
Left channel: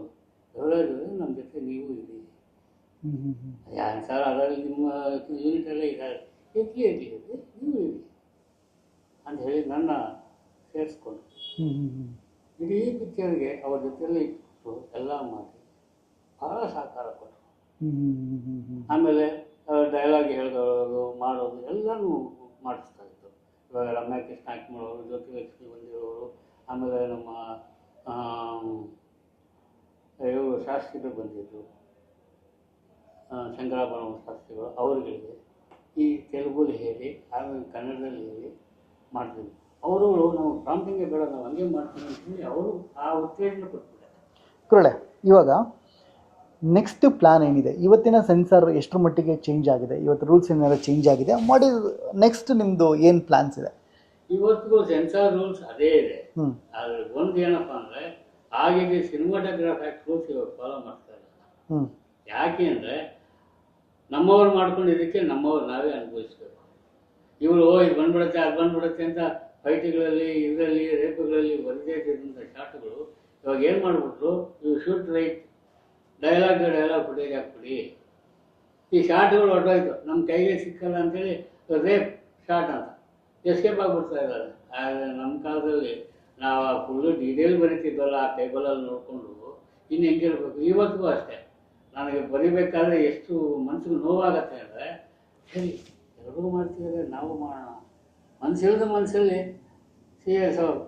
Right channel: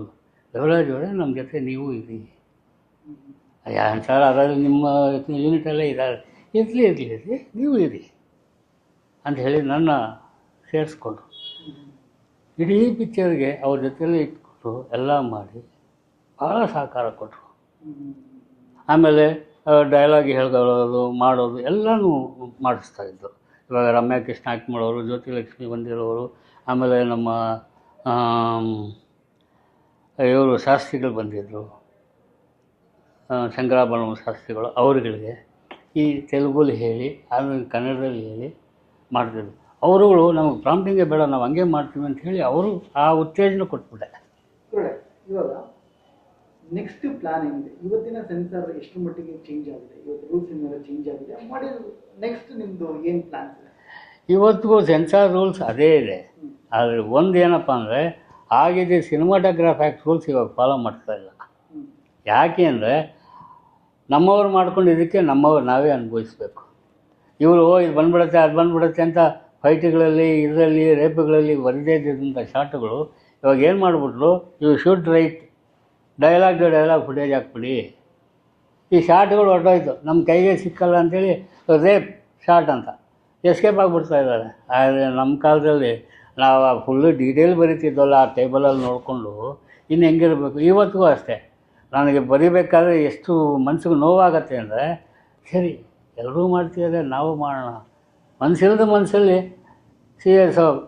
ದೇವರಾಜ್ ಅವರೇ ನಮ್ಮ ಜೊತೆ ನೀವು ಇರಿ ಸರ್, ಅದರಲ್ಲಿ ನಿಮ್ಮ ಯೂನಿಟಲ್ಲೇ ಇದ್ದಾರೆ, ಇರಲಿ ನೀವು ಇರಿ ಅಂತ ಹೇಳಿ ನನ್ನ ಸೇರಿಸ್ಕೊಂಡ್ರು. ಇಡೀ ಪಿಕ್ಚರ್ಗೆ ಅವ್ರ ಜೊತೆಯಲ್ಲಿ ಇಟ್ಕೊಟ್ಟು ಎಲ್ಲ ಮಾಡಿ ಭಾಳ ಸಹಕಾರ ಕೊಟ್ಟರು. ಆಮೇಲೆ ಡೈಲಾಗ್ ಹೇಳ್ಕೊಳ್ಳೋದು ಮಾಡೋದು ಎಲ್ಲನೂ ಮಾಡಿಸ್ತಾಯಿದ್ರು. ಇವಾಗ ರಮ್ಯಾ ಕೃಷ್ಣ ಆ್ಯಕ್ಟ್ ಮಾಡೋರು, ಜ್ಯೋತಿಲಕ್ಷ್ಮಿ ಬಂದಿರೋರು, ಆಮೇಲೆ ನಮ್ಮ ಇವರು ಶಾಸ್ತ್ರಿಗಳು ಬಂದಿದ್ದರು, ಶಂಕರಾಭರಣ ಶಾಸ್ತ್ರಿಗಳು, ಅವರುಗಳಿಗೆ ಈ ತೆಲುಗಲ್ಲಿ ಹೇಳಿ ಆಮೇಲೆ ಕನ್ನಡದಲ್ಲಿ ಹೇಳಿ ಮಾಡ್ತಿದ್ರು. ಅವರುಗಳು ನಮಗೆ ಪ್ರಾಂಪ್ಟಿಂಗೇ ಬೇಡ, ನಾವು ಹಂಗೆ ಮಾಡ್ತೀವಿ ಅಂತ ಹೇಳಿ ಅವರು ಆ ಉತ್ತೇಜನ ಕೊಟ್ಬಿಟ್ಟೆ. ಕುರಳೆ, ಇವಾಗ ನೆಕ್ಸ್ಟ್ ಪ್ಲ್ಯಾನ್ ಏನಿದೆ? ಇವತ್ತಿನ ಸೆನ್ಸಾರ್ ಎಷ್ಟರ ಮಟ್ಟಿಗೆ ಚೇಂಜ್ ಆಗಿದೆ? ಇವತ್ತು ರೂಲ್ಸ್ ಏನಾದ್ರು ಚೇಂಜ್ ಆಗಿದೆ ಮಾಡಿ ನೆಕ್ಸ್ಟ್ ನಿಮ್ಮದು ಏನು ಪ್ಲ್ಯಾನ್ಸ್ ಇದೆ? ಇವತ್ತಿಗೂ ಸೆನ್ಸಾರ್ ರೂಲ್ಸ್ ಅದೇ ಇದೆ. ಆದರೆ ಒಂದು ಏನಪ್ಪ ಅಂದರೆ, ಆಗಿದೆ ಸಿನಿಮಾಟೋಗ್ರಾಫ್ ಆ್ಯಕ್ಟ್ ರೂಲ್ಸ್ ಇವಾಗ ಫಾಲೋ ಮಾಡ್ತಾ ಇಲ್ಲ. ಯಾಕೆ ಅಂದರೆ ನಮ್ಮವ್ರು ಮಾಡ್ಕೊಂಡು ಇದಕ್ಕೆ ನಮ್ಮವ್ರು ನಾವೇ ಅನುಭವಿಸ್ಬೇಕು. ಇವರು ಇದು ಬಂದ್ಬಿಡುತ್ತೆ ಅದು ಬಂದ್ಬಿಡುತ್ತೆ ಅಂತ ಫೈಟ್ಗಳಲ್ಲಿ ಇದರಲ್ಲಿ ರೇಪುಗಳಲ್ಲಿ ಬರದೇ ಇದ್ದಂಥ ಶಾರ್ಟ್ಗಳು ಇವಾಗ ಏನು ಮಾಡಿಬಿಟ್ರು, you should write dialogue footage ಹಾಕ್ಬಿಡಿ. ಈ ಶಾರ್ಟ್ಗಳು ಹೊರಟೋಯ್ತು, ನಮ್ಮ ಕೈಗೆ ಸಿಕ್ಕಲ್ಲ ಅಂಥೇಳಿ ರೇಪ್ ಶಾರ್ಟ್ ಅಂತ ಎಸ್ಕೇಪ್ ಆಗಿಬಿಡ್ತಾ ಇದ್ದಾರೆ. ಆದರೆ ನಮ್ಮ ಕಾಲದಲ್ಲಿ ನಾವು ಫುಲ್ಲು ಡೀಟೇಲ್ ಬರೀತಿದ್ವಲ್ಲ ಆ ಟೇಬಲಲ್ಲಿ ನೋಡಿಕೊಂಡು, ಇನ್ನು ಹೆಂಗಿರಬೇಕು. ಇವತ್ತಿಗೂ ಅಷ್ಟೇ, ನನಗೆ ಬರೀಬೇಕಾದ್ರೆ ಎಷ್ಟು ಮನಸ್ಸಿಗೆ ನೋವಾಗತ್ತೆ ಅಂದರೆ, ಸರಿ ಎಲ್ಲರೂ ಮಾಡ್ತಿದ್ದಾರೆ ನಾವು ಮಾಡೋಣ, ಮನಸ್ಸಿಲ್ಲದ ಮನಸ್ಸಲ್ಲಿ serious of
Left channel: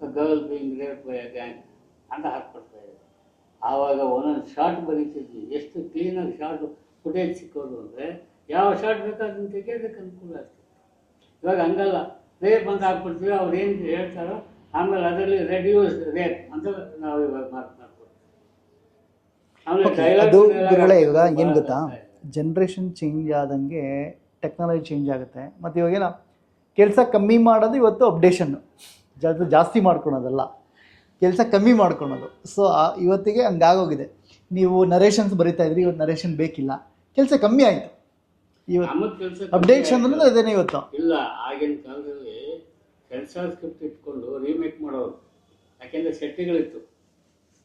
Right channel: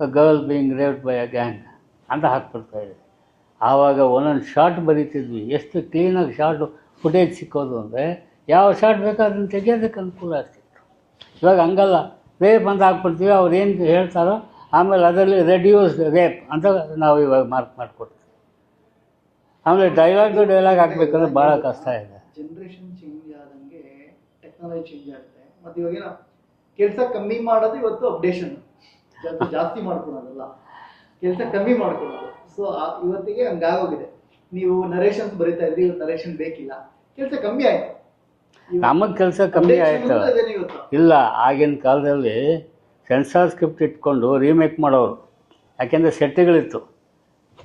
girl being raped by a gang ಅಂತ ಹಾಕ್ಬಿಡ್ತಾಯಿದೆ. ಆವಾಗ ಒಂದೊಂದು ಶಾರ್ಟ್ ಬರೀತಿದ್ವಿ, ಎಷ್ಟು ಕ್ಲೀನಾಗಿ ಶಾರ್ಟು ಫುಟೇಜ್ ಸಿಕ್ಕೋದು ಅಂದರೆ ಯಾವ ಶಾರ್ಟ್ ಬೇಕಾದ್ರೂ ಅದನ್ನು ತೆಗೆಯೋದಕ್ಕೆ ಅನುಕೂಲ ಆಗ್ತಿತ್ತು. ಇವಾಗ ಹಂಗಲ್ಲ, ರೇಪ್ ಅಂತ ಹಾಕ್ಬಿಡ್ತೀವಿ, ಅವ್ರು ಏನು ಹೇಳ್ತಾರೋ ಆಮೇಲೆ ಅದರಲ್ಲಿ ರೆಡ್ಯೂಸ್ ರೇಪ್ ಅಂತ ನಾವು ಇವಾಗ ಮಾರ್ಕ್ ಮಾಡಿಕೊಡ್ತೀವಿ. ಆಮೇಲೆ ಡೈಲಾಗ್ ಭಾಳ ಕಷ್ಟ ಇದೆ. ಜನ್ರೇಷನ್ ಚೇಂಜ್ ಆದಂಗೆ ಟೆಕ್ನಾಲಜಿ ಚೇಂಜ್ ಆಗುತ್ತೆ. ಮತ್ತು ಇವಾಗೇನೋ ಕೆಲಸ ಕಮ್ಮಿ ಮಾಡೋದು ಇವತ್ತು ಅಪ್ಡೇಷನ್ನು, ಜಾಸ್ತಿ ಮಾಡ್ಕೊಳೋದಲ್ಲ, ಕೆಲಸ ಕಮ್ಮಿ ಮಾಡ್ಕೊಳೋದು. ಸೊ ಇವತ್ತಿಗೆ ಹಂಗಾಗೋಗಿದೆ. ನೀವು ನರೇಷನ್ಸ್ ಬರೀತಾ ಇದ್ರಿ, ಇವತ್ತು ನರೇಷನ್ ಬೇಕಿಲ್ಲ, ಕೆಲಸ ಕಮ್ಮಿ ಆಯಿತು. ನಮಗೆ ಕೆಲಸ ಕಮ್ಮಿ ಅದೇನೇ ಇವತ್ತು ಇಲ್ಲ. ಆಗಿನ ಕಾಲದಲ್ಲಿ ಸೆನ್ಸಾರ್ ಸ್ಕ್ರಿಪ್ಟ್ ಇಟ್ಕೊಂಡು ರೀಮೇಕ್ ಮಾಡೋರು, ಯಾಕೆಂದರೆ ಸೆಟ್ಗಳಿತ್ತು,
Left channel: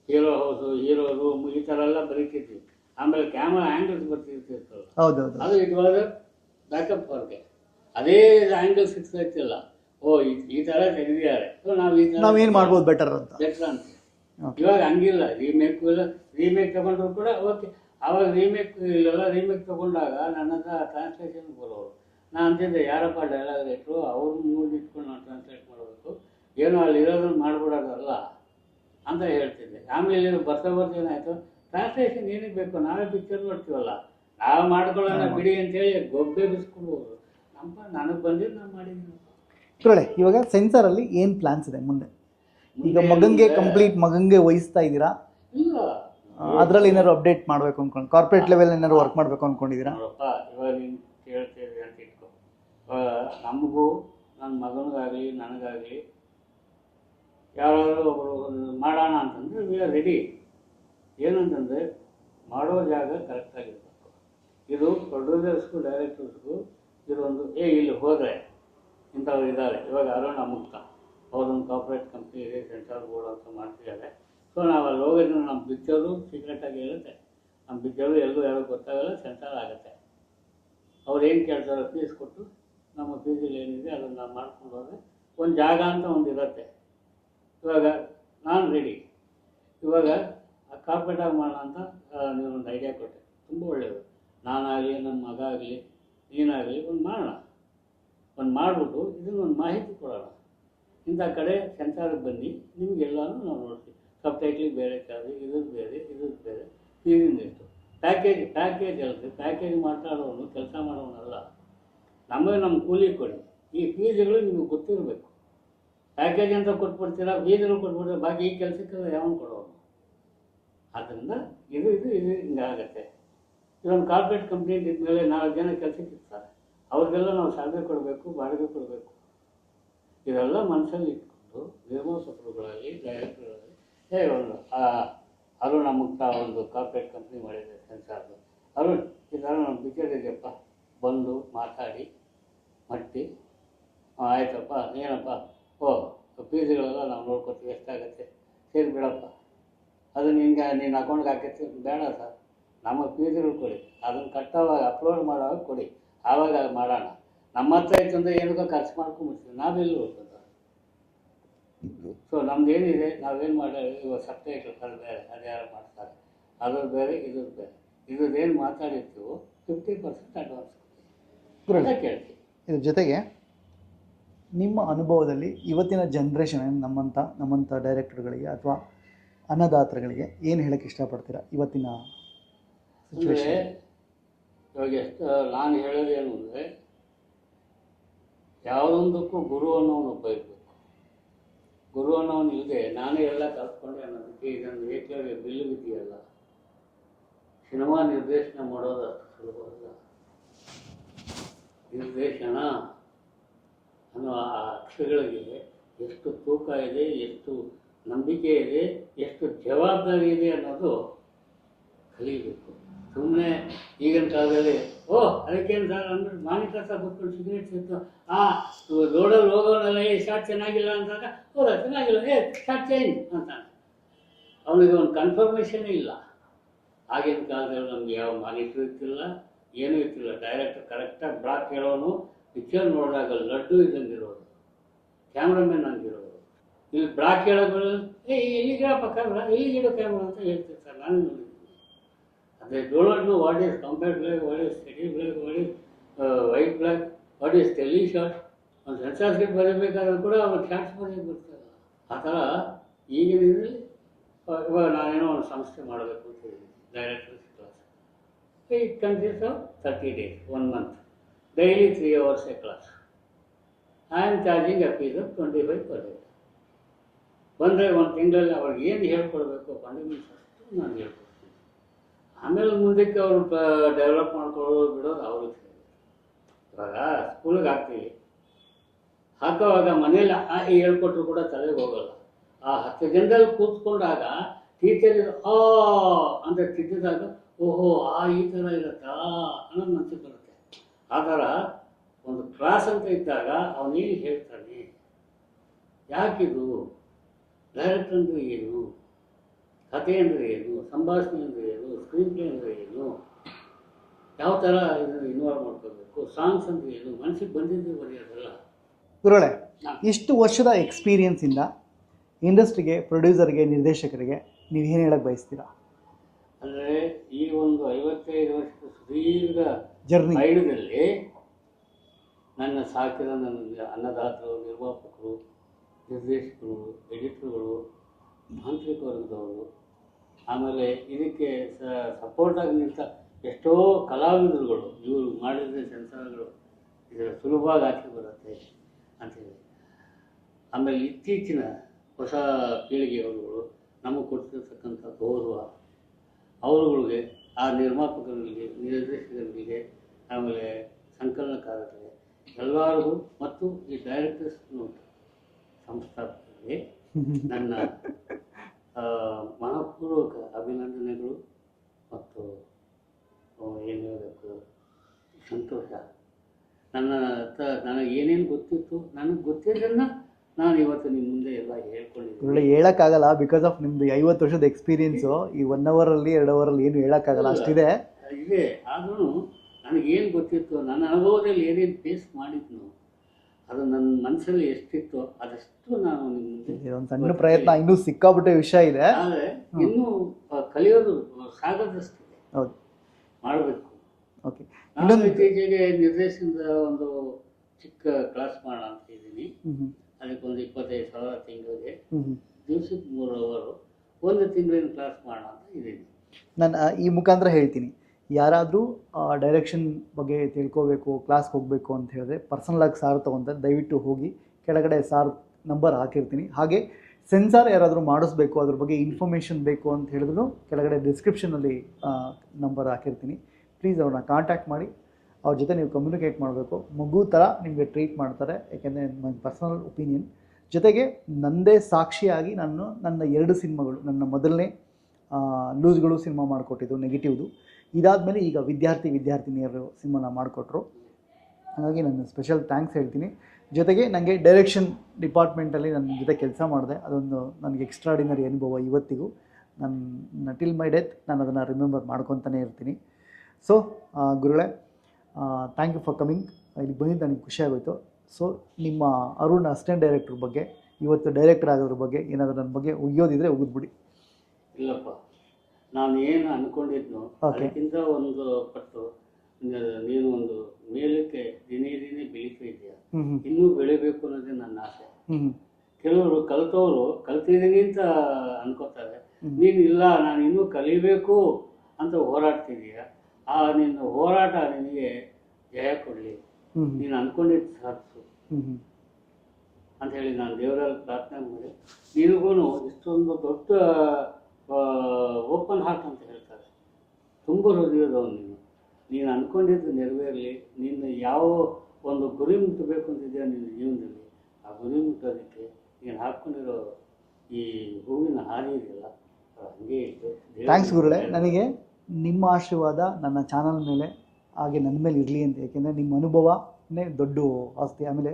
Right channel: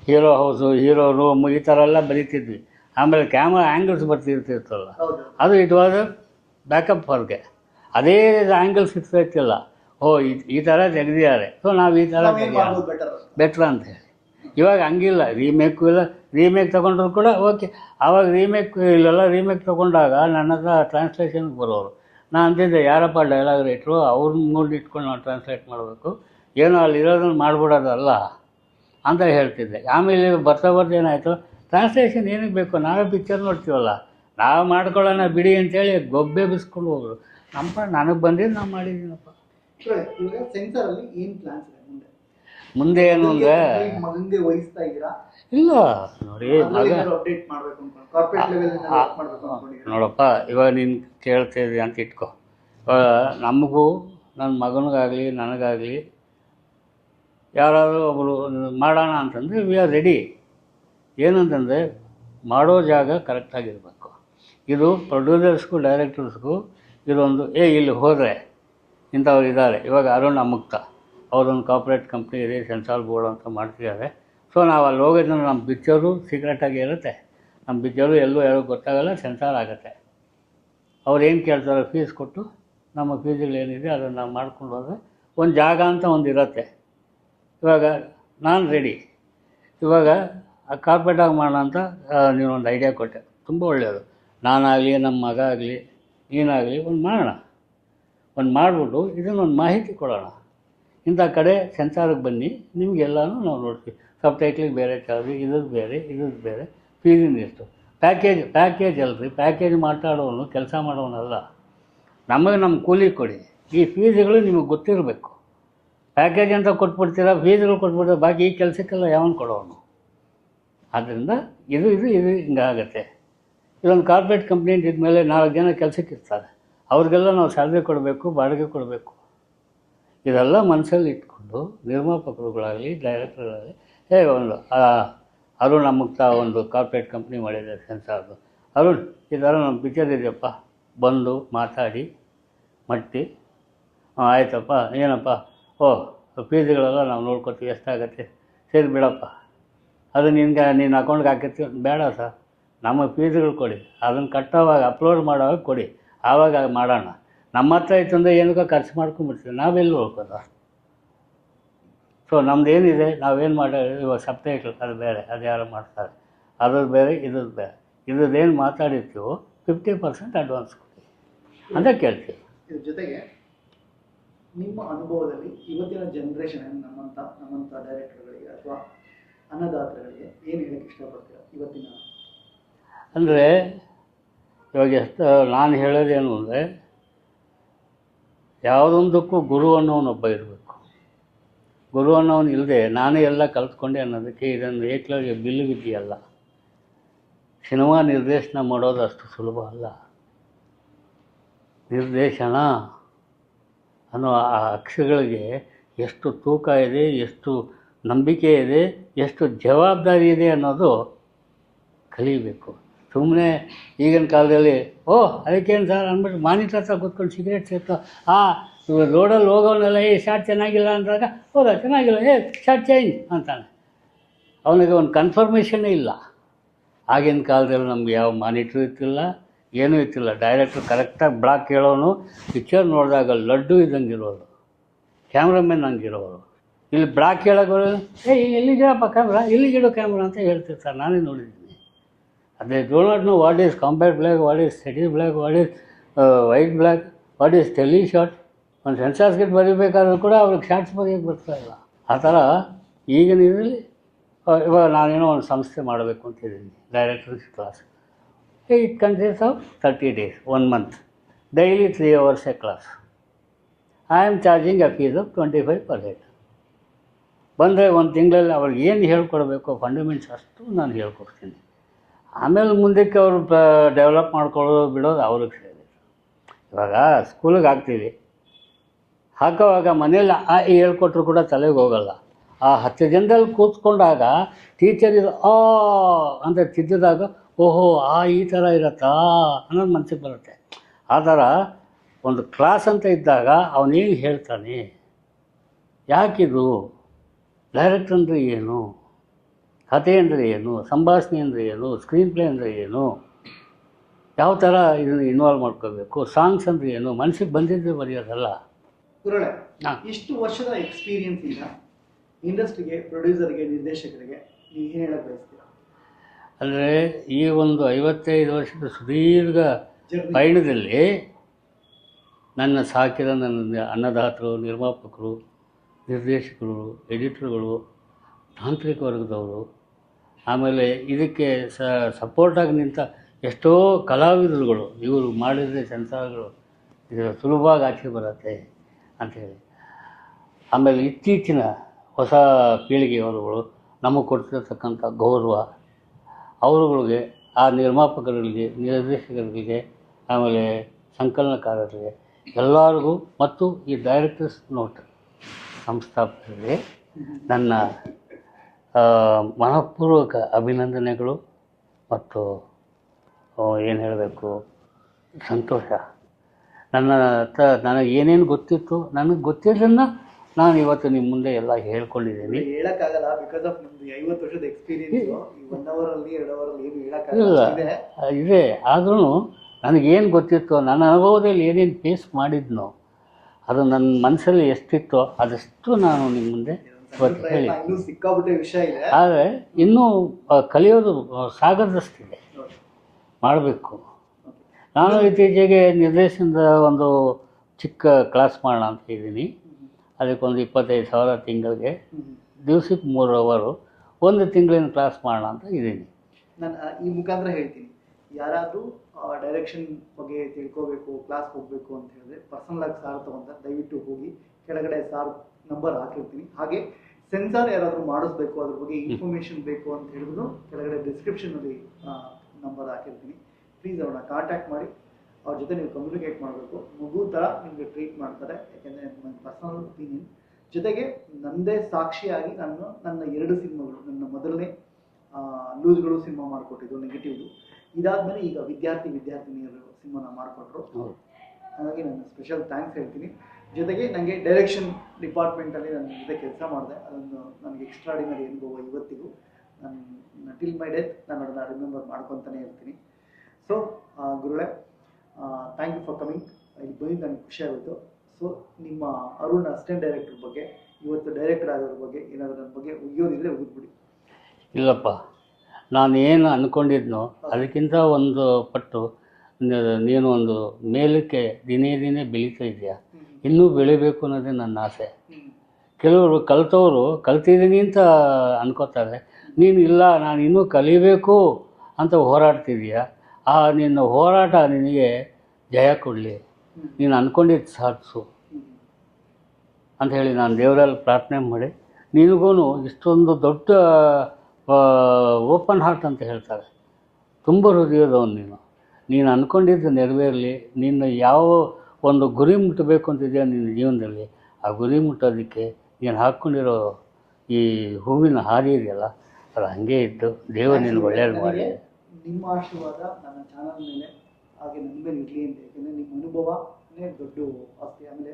ಹೀರೋ ಹೌಸು, ಹೀರೋ ರೂಮ್, ಈ ಥರ ಎಲ್ಲ ಬರೀತಿದ್ವಿ. ಆಮೇಲೆ ಕ್ಯಾಮ್ರಾ ಆ್ಯಂಗಲ್ಸ್ ಬರ್ತಿರ್ತಿರ್ತಲ್ಲ, ಅದು ಇಟ್ ವಾಸ್ ಬ್ಯಾಕಪ್ ಫಾರ್ಗೆ. ಅದೇ ಆ್ಯಂಗಲ್ ಸಿಗ್ತಾಯಿತ್ತಿಲ್ಲ, ಈ ಥರ ತೆಗೆದಿದ್ದಾರೆ, ಸೊ ನಾವು ಈ ಥರ ಮಾಡ್ಬೋದು ಬೆಟ್ರ್ ಅಂತ ಹೇಳಿ. ಇವಾಗ ಹಂಗಿಲ್ಲ, ರೀಮೇಕು ಇಲ್ಲ, ರೀಮೇಕ್ ತೊಗೊಂಡ್ರು ಕೂಡ ಓಕೆ. ಆವಾಗ ರೀಮೇಕ್ ಇಲ್ಲೆಲ್ಲ ರೀಮೇಕ್ ತೊಗೊಂಡಾಗ ನನ್ನ ಹತ್ರ ಟ್ರಾನ್ಸ್ಲೇಷನ್ಗೆ ಬರೋರು. ನಾನು ಅಂತಿದ್ದೆ, ಯಾರಪ್ಪ ಡೈಲಾಗ್ ರೈಟ್ರು, ಅವ್ರನ್ನ ನೋಡಿ ಇಟ್ಕೊಂಡು ನಾವು ಟ್ರಾನ್ಸ್ಲೇಟ್ ಮಾಡಬೇಕು, ಏನೋ ಅಲ್ಲಿ ಇರೋದನ್ನು ಮಾಡ್ಬಿಡೋದಲ್ಲ ಅಂತ ಹೇಳ್ತಿದ್ದೆ. ಆಮೇಲೆ ಬರ್ತಾ ಏನಾಯಿತು, ಟ್ರಾನ್ಸ್ಲೇಷನ್ ಏನಕ್ಕೆ ಬೇಕು, ನಾವೇ ಪಿಕ್ಚರ್ ನೋಡ್ತೀವಲ್ಲ, ನಾವು ಮಾಡ್ಕೊಳ್ಳೋಣ ಬಿಡಿ ಅಂತೇಳಿ ಗೊಬ್ಬೆ ಬಿಸ್ಕೊಂಡು ಹೋದ್ರು. ನನಗೆ ಬಂದಿದ್ದು ನಾವು ಮಾಡಿದ್ದೀನಪ್ಪ. ಇವಾಗ ಸೆನ್ಸಾರಲ್ಲಿ ಏನು ಪ್ಲಾನ್ಸ್ ಇದೆ ಮುಂದೆ? ಕಂಪ್ಲೀಟ್ ಮಗಂಗೆ ವಹಿಸ್ತಾ ಇದ್ದೀರಾ? ಇಲ್ಲ, ಅದರಲ್ಲಿ ಏನಾದ್ರು ಅಪ್ಡೇಟ್ ಮಾಡಬೇಕು ಅನ್ಕೊಂಡು, ಕಾರ್ಪೊರೇಟ್ ಲೆವೆಲ್ ಏನಾದ್ರು ವರ್ಕ್ ಮಾಡಬೇಕು ಅಂದ್ಕೊಂಡಿದ್ದೀರಾ? ನೋಡಪ್ಪ, ಇವಾಗ ನೀನು ಕೇಳ್ತಿದ್ರಿ ಅಂತ ಇಟ್ಕೊ, ನಮಗೂ ನನ್ನ ಮಗನಿಗಾಗಲಿ ನನಗಾಗಲಿ ಯಾರಾದರೂ ಒಬ್ಬರು ಮಾಡೋಣ ಅಂತಂದರೆ ವಿ ಆರ್ ರೆಡಿ. ಏನಂತಂದರೆ ಮಾಡೋ ಜಾಗ ಕರೆಕ್ಟಾಗಿರಬೇಕು. ಇದು ಪ್ರೊಡ್ಯೂಸರ್ಸ್ಗೂ ಡೈರೆಕ್ಟರ್ಸ್ಗೂ ಇದೊಂದು ಇಲ್ಲಿ ಹೋದರೆ ಇಂಥವ್ರು ಇದ್ದಾರೆ. ಇವಾಗ ಅರುಣ್ ಅಮುಕ್ತ ಅವರೊಂದು ಕಾರ್ಪೊರೇಟ್ ಕಂಪ್ನಿ ಇದೆ, ಸೆನ್ಸಾರ್ ಬೋರ್ಡ್ ಅಂತ ಮಾಡ್ತಿದ್ದಾರೆ. ಸೊ ನಾವು ಅಲ್ಲಿ ಹೋಗಿದ್ರೆ ನಮ್ಮ ಪಿಕ್ಚರು ಸೀಕ್ರೆಟಾಗಿ ಇರುತ್ತೆ, ನಮ್ಮ ಪಿಕ್ಚರು ಎಲ್ಲೂ ಯಾರೂ ಗೊತ್ತಾಗಲ್ಲ, ಸೆನ್ಸಾರ್ ಆಗುತ್ತೆ. ಅವ್ರು ಏನು ಕೇಳ್ತಾರೋ ಫೀಸ್ ಕೊಟ್ಟು ನಮ್ಮ ಫೀಸ್ಗಳೇನಿದೆ ಅದನ್ನು ನಾವು ಮಾಡ್ಕೊಂಡು ಹೋದರೆ ಒಂದು ಜಾಗ ಅಂತ ಒಂದು ಇರುತ್ತೆ. ಇವಾಗ ನಾನು ರೆಡಿ. ಇವಾಗ ಕಾರ್ಪೊರೇಟಾಗಿ ಮಾಡೋಣ ಅಂತ ನೀವೊಂದು ಐಡಿಯಾ ಕೊಟ್ಟೆ, ತುಂಬ ಒಳ್ಳೆಯದು. ನಾನಾಗಲಿ ನಮ್ಮ ಮಗ ಆಗಲಿ ನೀನಾಗಲಿ ಒಂದು ಮಾಡೋಣ, ಒಂದು ಮಾಡಿಬಿಟ್ಟು ಇದನ್ನೊಂದು ಮಾಹಿತಿ ಕೊಡೋಣ. ಇಂಥ ಕಡೆ ಸೆನ್ಸಾರಿಗೆ ಬನ್ನಿ, ನಿಮಗೆಲ್ಲನೂ ನಾವು ನೋಡ್ತೀವಿ. ಸಬ್ ಟೈಟ್ಲಿಗೆ ಬೇರೆ ಚಾರ್ಜ್, ಇದ್ರದ್ದು ಬೇರೆ, ಇದ್ರದ್ದು ಬೇರೆ, ಫೀಸಿನ ಎಷ್ಟು. ಪ್ಯಾಕೇಜ್ ಅಲ್ರಿ, ಪ್ಯಾಕೇಜ್ ಮಾತಾಡೋನು ಕೆಲಸ ಮಾಡೋನಲ್ಲ. ನಮಗೆ ನಮ್ಮ ಕೂಲಿ ಕೊಡಿ, ಈ ಫೀಸ್ಗಳು ನಿಮಗೆ ಗೊತ್ತಿರಬೇಕು. ಪ್ಯಾಕೇಜ್ ಅಂತ ಕೊಟ್ಬಿಡ್ತೀರ, ಫೀಸ್ಗಳು ಕೊಟ್ಬಿಡ್ತೀರ, ಬಾಕಿ ಈ ಕೆಲಸಕ್ಕೆಲ್ಲ ಯಾವನು ಕೊಡೋನು? ಆದ್ದರಿಂದ ಇದು ಹಿಂಗಾಗತ್ತೆ. ಇದೊಂದು ಕಾರ್ಪೊರೇಟ್ ಕಂಪ್ನಿ ಇದ್ಮೇಲೆ 4 ಜನ ಕೆಲಸಕ್ಕೆ ಇರ್ತಾರೆ, ಅವ್ರಿಗೆಲ್ಲ ನಾವು ಸ್ಯಾಲ್ರಿ ಕೊಡಬೇಕು, ಬಾಡಿಗೆ ಕೊಡಬೇಕು. ಇದೆಲ್ಲ ಮನಸ್ಸಲ್ಲಿ ಇಟ್ಕೊಂಡು ನಿರ್ಮಾಪಕರುಗಳಾಗಲಿ ಡೈರೆಕ್ಟರ್ಗಳಾಗಲಿ ಒಂದು ಅರುಣ್ ಮುಕ್ತ ಒಂದು ಕಾರ್ಪೊರೇಟ್ ಕಂಪ್ನಿ ಮಾಡಿದೆ ಸೆನ್ಸಾರ್ದು. ಅರುಣ್ ಈ ಥರ ನಮ್ಮ ಪಿಕ್ಚರ್ ಇದೆಯಪ್ಪ, ಬಂದು ಮಾತಾಡಿ ಮಟ್ಟಿ ಆಯ್ತಪ್ಪ, ಏನಪ್ಪ, ಫೀಸ್ಗಳೆಲ್ಲ ನಾವು ನೋಡ್ಕೊತೀವಿ, ಎಷ್ಟಾಗತ್ತೆ, ಸರಿ ಬಿಡಪ್ಪ, ಅದು ನೀನು ಅಕೌಂಟ್ಗೆ ಹಾಕಿರ್ತೀವಿ. ಬೇಡ ಸರ್, ನಮ್ಮ ಫೀಸ್ಗಳು ಕೊಡಿ, ಅದನ್ನು ಕಟ್ಟೋವಾಗ ಅಪ್ಲೋಡ್ ಮಾಡೋವಾಗ ಕೊಡಿ, ಆವಾಗ ಮಾಡೋಣ. ನಮ್ಮ ಹತ್ರ ಇತ್ತು ಅಂದರೆ ಏನಕ್ಕೆ ಖರ್ಚು ಮಾಡ್ಕೊಂಡ್ಬಿಡ್ತೀವಿ, ನಾವೆಲ್ಲಿ ಹೋಗ್ಬೋದು. ಸೊ ನಮ್ದು ಏನಿದೆ, ನಾವೇನು ಮಾಡೋ ಇವಾಗ ಸಬ್ಟೈಟ್ಲ್ ಅದು ಬೇರೆ, ಅದು ಯಾರು ಮಾಡ್ತಾರೆ, ಅದ್ರದ್ದು ಬೇರೆ, ಇದ್ರದ್ದು ಬೇರೆ. ಇದ್ರದ್ದೇನು ಮಾತಾಡಿರ್ತೀವೋ 50% ಅಡ್ವಾನ್ಸ್ ಕೊಡಿ ಅಂತ ಕೇಳ್ತೀವಿ. ಇದ್ರ ಜೊತೆಗೆ ನಿಮ್ಮ ಅನುಭವದಲ್ಲಿ ಇವತ್ತಿನ ಜನ್ರೇಷನ್ ನಮ್ಮಂಥ ಡೈರೆಕ್ಟರ್ಗಳಿಗೆ ಅಥವಾ ಅನ್ನದಾತರುಗಳಿಗೆ ಏನು ಹೇಳೋಕ್ಕೆ ಇಷ್ಟಪಡ್ತೀರಾ ಇವತ್ತಿನ? ಅಂದರೆ ಇವಾಗ ನಾನು ಹೇಳೋದೇನು ಅಂದರೆ, ಯಾವುದೊಂದಕ್ಕೂ ಗುರು ಅನ್ನೋನೊಬ್ಬ ಇರಬೇಕು. ಗುರು ಅನ್ನೋನು ಇಲ್ಲದೆ ನಾನೇ ಎಲ್ಲ ಕಲ್ತ್ಕೊಂಡೆ ಅನ್ನೋದಕ್ಕೆ ಇದೊಂದು ಏಕಲವ್ಯ ಬಿಲ್ಲು ವಿದ್ಯೆಯಲ್ಲ. ಸಿನಿಮಾ ನಿರ್ದೇಶನ ಮಾಡೋದು ಅಷ್ಟು ಸುಲಭ ಅಲ್ಲ. ನಿರ್ದೇಶನ ಅನ್ನೋ ಆ ಅಕ್ಷರಗಳಿಗೆ ಎಷ್ಟು ತೂಕ ಇದೆ, ಎಷ್ಟು ನಂಬಿಕೆ ಇದೆ, ಎಷ್ಟು ಜವಾಬ್ದಾರಿ ಇದೆ ಅನ್ನೋದು ಕಲಿಬೇಕು. ಸುಮ್ಮನೆ ಈಗಿನ ಕಾಲದಲ್ಲಿ ಅದಕ್ಕೇನು ಸರ್ ಅಂದ್ಬಿಟ್ಟು ಮಾನಿಟರ್ ಹತ್ರ ಕೂತ್ಕೊಂಡು ಸಿಗರೇಟ್ ಸೇರ್ತು, ರೋಡಲ್ಲಿ ಹೋಗೋನೆಲ್ಲ ಶಾರ್ಟ್ ಚೆನ್ನಾಗಿಲ್ಲ ಅಂದಾಗ ಚೆನ್ನಾಗಿಲ್ಲ, ಶಾರ್ಟ್ ಚೇಂಜ್ ಅಂತಾನೆ. ಅವನಿಗೆ ಒಂದು ಕನ್ಫರ್ಮೇಷನ್ನೇ ಇಲ್ಲ. ಆಗಿನ ಕಾಲದಲ್ಲಿ ನಮ್ಗೆ ಯಾವ ಮಾನಿಟ್ರು ಇತ್ತಿಲ್ಲ, ಏನೂ ಇತ್ತಿಲ್ಲ. ಡೈರೆಕ್ಟ್ರು ಕರೆಕ್ಟಾಗಿ ಬ್ಲಾಕ್ ಹೇಳೋನು, ಪಿಕ್ಚರ್ ನೋಡಿದಾಗ ಲಡ್ಡು ಇದ್ದಂಗೆ ಇರೋರು, ಕ್ಯಾಮ್ರಾಮನ್ ಹಂಗಿರೋರು. ಇಲ್ಲಿ ಬ್ಲಾಕ್ ಹೇಳೋರು ಎಲ್ಲಿಗಿಡಪ್ಪ ಕ್ಯಾಮ್ರಾ, ಇಲ್ಲಿಗಿಡೋ ಕ್ಯಾಮ್ರಾ ಅಂತ ಹೇಳ್ತಿರ್ತಾರೆ, ನಾನೇ ನೋಡಿದ್ದೀನಿ. ಅದೇ don't know what is compact black, what is study black, what is white black, what is tele short. ಒಂದು ಸೆನ್ಸಾರ್ ಸ್ಕಿಟ್ ಬರೀಬೇಕಾದ್ರೂ ಕೂಡ ಅವ್ರಿಗೆ ಶಾರ್ಟ್ಸ್ ಬರೆಯೋಕ್ಕೆ ಬರ್ತಾಯಿಲ್ಲ. ಆ ಥರ ಈಗಿನ ಇದರಲ್ಲಿ ಇವಾಗ ನಾನೇನೋ ಒಂದು ಸಂಸ್ಥೆ ಮಾಡಬೇಕು ಅಂತಿದ್ದೀನಿ, directors class. It consist of 30 days, 1 month, daily 3 hours a class. I am charging a fees of 25 per head. ಬಂದರೆ ಒಂದು ತಿಂಗಳಲ್ಲಿ ಅವ್ರಿಗೆ ಏನು ಹೇಳ್ಕೊಡ್ಬೇಕು ಫಂಡಮೆಂಟ್ಸ್ ಅಷ್ಟು ನಾನು ಹೇಳ್ಕೊಡ್ತೀನಿ. ಆಮೇಲೆ ಮುಂದಕ್ಕೆ ಅವರು ಡೆವಲಪ್ ಮಾಡ್ಕೊಳ್ಳೋದು ಬಿಡೋದು ಅವ್ರಿಗೆ ಸೇರಿ. ಇವಾಗ ಸ್ಕೂಲಿಗೆ ಹಾಕ್ತೀವಿ, ಹಾಕೋವಾಗ ಮನೇಲಿ ಹೇಳ್ಕೊಟ್ರು ಕೂಡ ತಲೆಗೆ ಹೋಗಲ್ಲ. ಆ 10 ಜನದಲ್ಲಿ ಕೂತ್ಕೊಂಡಾಗ ಟೀಚರ್ ಇದು ಅಂತ ತಿದ್ದಿದಾಗ ಓಹೋ ಈ ಥರ ಇರತ್ತಾ ಅನ್ನೋದು ಮನಸ್ಸಿಗೆ ಬರುತ್ತೆ. ಆ ಥರ ಒಂದು ಕ್ಲಾಸ್ ಅಂತ ಇದ್ದಾಗ ಅವನೇನು ಹೇಳ್ತಾನೆ, ಯಾಕಿದು, ಡೈರೆಕ್ಟ್ ಅಂದರೆ ಏನು, ಕಥೆ ಅಂದರೆ ಏನು, ಸಂಭಾಷಣೆ ಅಂದರೆ ಏನು, ಸ್ಕ್ರೀನ್ ಪ್ಲೇ ಅಂದರೆ ಏನು, ಯಾವ ಥರ ಇದನ್ನು ಇನ್ವಾಲ್ವ್ ಮಾಡ್ಕೋಬೇಕು, ಸಾಂಗ್ಸ್ ಅಂದರೆ ಏನು, ಮನಸ್ಸಿಗೆ ಬಂದಿದ್ದರೆ ಬರೆಯೋದಲ್ಲ. ಗುರುಗಳೇ, ಇಷ್ಟು ವರ್ಷದ ಎಕ್ಸ್ಪೀರಿಯನ್ಸಿಂದ ಇಂಡಸ್ಟ್ರಿಗೆ, ಪ್ರೊಡ್ಯೂಸರ್ಗೆ, ನಿರ್ದೇಶಕರಿಗೆ ನೀವು ಏನು ಹೇಳಕ್ಕೆ ಬಯಸ್ತೀರಾ? ಅಂದರೆ ಈ ಒಂದು 55 ವರ್ಷದ ಸುದೀರ್ಘ ಪಯಣದಲ್ಲಿ ನನ್ನ ಸಾಕಿದ ನನ್ನ ಅನ್ನದಾತರು, ನಿರ್ಮಾಪಕರು, ನಿರ್ದೇಶಕರು, ಎಡಿಟರ್ಗಳು, ತಾಂತ್ರಿಕ ವರ್ಗದವರು, ಆಮೇಲೆ ಇದಕ್ಕೆ ಸಪೋರ್ಟಾಗಿ ನಿಂತ ಎಷ್ಟೋ ಕಲಾವಿದರುಗಳು, ಇವರು ಮಾಡಿದರೆ ಸೆನ್ಸಾರ್ಗಳು ಇದು ಸುಲಭವಾಗಿ ಆಚೆ ಬರುತ್ತೆ ಅಂಥೇಳಿ. ಆಮೇಲೆ ಇತ್ತೀಚಿನ ಹೊಸ ಪೀಳಿಗೆಯವರುಗಳು ನಮಗೆ ಕೊಡ್ತಿರ್ತಕ್ಕಂಥ ಗೌರವ, ಅವರುಗಳಿಗೆ, ಆ ನಿರ್ಮಾಪಕರಿಗೆ, ನಿರ್ದೇಶಕರಿಗೆ, ಆಮೇಲೆ ಸಂಕಲನಕಾರರಿಗೆ ಎಲ್ಲರಿಗೂ ಮತ್ತು ಈ ಡೈರೆಕ್ಟರ್ಸ್ ನೋಟ್ ಸಂಸ್ಥಾಪಕರಿಗೆ ನನ್ನ ಮನಃಪೂರ್ವಕ ಅಭಿನಂದನೆಗಳು ಮತ್ತು ಏನು ಹೇಳಬೇಕು, ಸಂತೋಷ. ನನಗೆ ಏನೇನು ಗೊತ್ತಿತ್ತು, ನನಗೆ ಗೊತ್ತಿದ್ದನ್ನು ನಾನು ಇವತ್ತು ನಿಮ್ಮ ಮುಂದೆ ಎಲ್ಲ ಹೇಳ್ಕೊಂಡಿದ್ದೀನಿ. ಹೇಳೋಕ್ಕಾಗಲ್ಲ, ಬಿಕಾಸ್ ಆಫ್ ನಿಮ್ಮದು 50 ವರ್ಷದ ಎಕ್ಸ್ಪೀರಿಯನ್ಸು. ಈ 1 ಅವರಲ್ಲಿ 2 ಅವರಲ್ಲಿ ಏನು ಹೇಳೋಕ್ಕಾಗಲ್ಲ ಇದೆ. ಆದ್ರೂ ನನಗೇನು ಗೊತ್ತಿತ್ತು, ನನ್ನ ಅನುಭವದಲ್ಲಿ ಏನೇನು ಫೇಸ್ ಮಾಡಿದ್ನೋ ಅದು ನನ್ನ ಮನಸ್ಸಲ್ಲಿ ಎಷ್ಟಿತ್ತೋ ಅದಷ್ಟು ನಾನು ನಿಮ್ಮ ಮುಂದೆ ಪ್ರಯತ್ನ. ಇನ್ನೂ ಸಿಕ್ಕಾಬಿಟ್ಟೆ ವಿಷಯ ಇದೆ, ಆದರೆ ಇನ್ನೂ ಕಲಿಯೋದು ಸಾಗರದಷ್ಟಿದೆ, ಮಾಡಬೇಕು. ನಾನು ಇತ್ತೀಚೆಗೆ ನಿರ್ದೇಶನದ ಒಂದು ಚಿಕ್ಕ ಕ್ಲಾಸ್ ಮಾಡೋಣ ಅಂತ ಇದ್ದೀನಿ. ಅದಕ್ಕೊಂದು 25,000 ತಿಂಗಳಿಗೆ, ಹ್ಞೂ ದಿವ್ಸಕ್ಕೆ 3 ಅವರು, 1 ತಿಂಗಳಿನ ಕ್ಲಾಸ್ ಮಾಡೋಣ ಅಂತ ಇದ್ದೀನಿ. ನಾನು ಈ ಮುಖಾಂತರ ಹೇಳ್ತೀನಿ, ಯಾರಾದರೂ ಡೈರೆಕ್ಷನ್ ಬಗ್ಗೆ ತಿಳ್ಕೋಬೇಕು, ಕ್ಲಾಸ್ಗೆ ಹೋಗಬೇಕು ಅಂತ ಹೇಳಿದ್ರೆ ಪರ್ಸನಲಾಗಿ ಸಾರ್ ತೊಗೊಂತಾರೆ, ದಯವಿಟ್ಟು ಹೋಗಿ, ಕೆಳಗಡೆ ಸಾರ್ ನಂಬರ್ ಹಾಕಿರ್ತೀನಿ. ಹಾಗೆ ಸೆನ್ಸಾರ್ ಯಾರಾದರೂ ಮಾಡಿಸ್ಬೇಕು, ಅದ್ರ ಬಗ್ಗೆ ಇನ್ಫಾರ್ಮೇಷನ್ ಬೇಕು ಅಂತ ಹೇಳಿದ್ರು ಕೆಳಗಡೆ ಡಿಸ್ಕ್ರಿಪ್ಷನಲ್ಲಿ ನಂಬರ್ ಹಾಕಿರ್ತೀನಿ. ಪ್ಲೀಸ್ ಅವ್ರನ್ನ ಕಾಂಟ್ಯಾಕ್ಟ್ ಮಾಡಿ, ಅವ್ರ ಜೊತೆ ನೀವು ಕಮ್ಯುನಿಕೇಟ್ ಮಾಡಬೇಕು. ಮಗು ಥರ ನಿಮಗೆ ಟ್ರೀಟ್ ಮಾಡ್ತಾರೆ, ಯಾಕೆಂದರೆ ನನ್ನ ಪರ್ಸನಲ್ ಒಪಿನಿಯನ್. ಜೊತೆಗೆ ನನ್ನದೇ ಸಾಕ್ಷಿಯಾಗಿ ನನ್ನ 2 ಸಿನಿಮಾಗಳು, ನನ್ನ ಮೊದಲನೇ ಲೂಸ್ಗಳು ಸಿನಿಮಾ ಮಾಡಿಕೊಟ್ಟಿದ್ದು ನೆಗೆಟಿವ್ದು, ಇದಾದಮೇಲೆ ಈಗ ವಿದ್ಯಾರ್ಥಿನಿಯರು ಸಿನಿಮಾನ ಮಾಡಿಕೊಟ್ರು. ಹಾಗಾಗಿ ನಾನು ಸ್ಪೆಷಲ್ ಥ್ಯಾಂಕ್ಸ್ ಹೇಳ್ತೀನಿ. ಜೊತೆಗೆ ನನಗೆ ಡೈರೆಕ್ಷನ್ ಡಿಪಾರ್ಟ್ಮೆಂಟಲ್ಲಿ ನನ್ನ ಜೊತೆ ಕೆಲಸ ಮಾಡಿದೆ, ಅದೊಂದು ನನಗೆ ಎಕ್ಸ್ಟ್ರಾಡಿನರಿ ಅನುಭವ. ಇವತ್ತಿಗೂ ನನ್ನ ಟಿಲ್ ಮೈ ಡೆತ್ ನಾನು ಅದನ್ನು ರಿಮೆಂಬರ್ ಮಾಡ್ಕೊತಾನೆ ಇರ್ತೀನಿ. ಸೊ ಗುರುಗಳೇ, ಥ್ಯಾಂಕ್ ಯು ಫಾರ್ ಕಮಿಂಗ್. ಇಲ್ಲಿ ಬಂದಿದ್ದು ನನಗೆ ಖುಷಿಯಾಗೋಯಿತು. ಸೊ ನಿಮ್ಮ ಅರುಣ್ ಅಸಿಸ್ಟೆಂಟ್ ಡೈರೆಕ್ಟರ್ ಬಗ್ಗೆ, ಇವತ್ತು ಡೈರೆಕ್ಟರ್ ಆಗೋದ್ರ ಬಗ್ಗೆ ಏನಾದರೂ ನನ್ನ ಬಗ್ಗೆ ಉಗಿಯೋದಿದ್ರೆ ಉಗಿದ್ಬಿಡಿ. ಇಲ್ಲಪ್ಪ, ನಾನು ಏನು ಅಂದ್ಕೊಂಡಿದ್ನೋ ಅದಕ್ಕಿಂತ ಒಂದು ಪಟ್ಟು ನೀನು ಒಂದು ಮೇಲಕ್ಕೆ ದಿನೇ ದಿನೇ ಬೆಳೀತಾ ಇದೆಯಾ, ಇನ್ನೂ ಬೆಳಿಬೇಕು ಅನ್ನೋದೇ ನನ್ನ ಆಸೆ. ಕೆಲವರು ಕಲ್ತವರು ಕಲ್ತಿದ್ದೀನಿ ಅಂತ ಅನ್ಕೋತಾರೆ, ನೀನು ಇಲ್ಲ ನಾನು ಇನ್ನೂ ಕಲಿಬೇಕು ಅಂತ ಹೋರಾಡ್ತಿದೀಯ. ಆ ನಿನ್ನ ಹೋರಾಟ ನಿನಗೆ ಜಯ ಕೊಡಲಿ, ನೀನು ಅಂದ್ಕೊಂಡಿದ್ದು ಸಾಧಿಸು ಅಂತ ಹೇಳಿ ನಾನು ದೇವರಲ್ಲಿ ಪ್ರಾರ್ಥನೆ ಮಾಡಿ, ನಿನಗೂ ಇಷ್ಟೊಂದು ದೊಡ್ಡ ಓಪನ್ ಹಾರ್ಟ್ ಅಂತ ಹೇಳ್ತಾರೆ, ತುಂಬ ಹೃದಯದವನು ನೀನು ಅಂದ್ಕೊಂಡಿದ್ದು ನೆರವೇರಲಿ. ನಿನ್ನ ಯಾವ ಒಂದು ಗುರಿ ಮುಟ್ಟಬೇಕು ಅಂತಿದೆಯಾ ನಿನ್ನ ಜೀವನದಲ್ಲಿ, ಆ ಗುರಿ ಮುಟ್ಟೋದಕ್ಕೆ ನೀನು ಹಾಕ್ಕೊಂಡಿರೋ ಈ ಹೂವಿನ ಹಾದಿ ಇದೆಯಲ್ಲ, ಅದು ಹಾಗೇ ಇದ್ದು ನನಗೆ ನಿಮ್ಮ ಆಶೀರ್ವಾದ ನನ್ನ ಚಾನಲ್ ಮೇಲೆ ಹಾಗೆ ನನ್ನ ಮೇಲೆ ಇರಲಿ ಅಂತ. ಏಕೆಂದರೆ ನಿಮ್ಮ ಅನುಭವನೇ ದೊಡ್ಡ ಆಸ್ತಿ. ಆಮೇಲೆ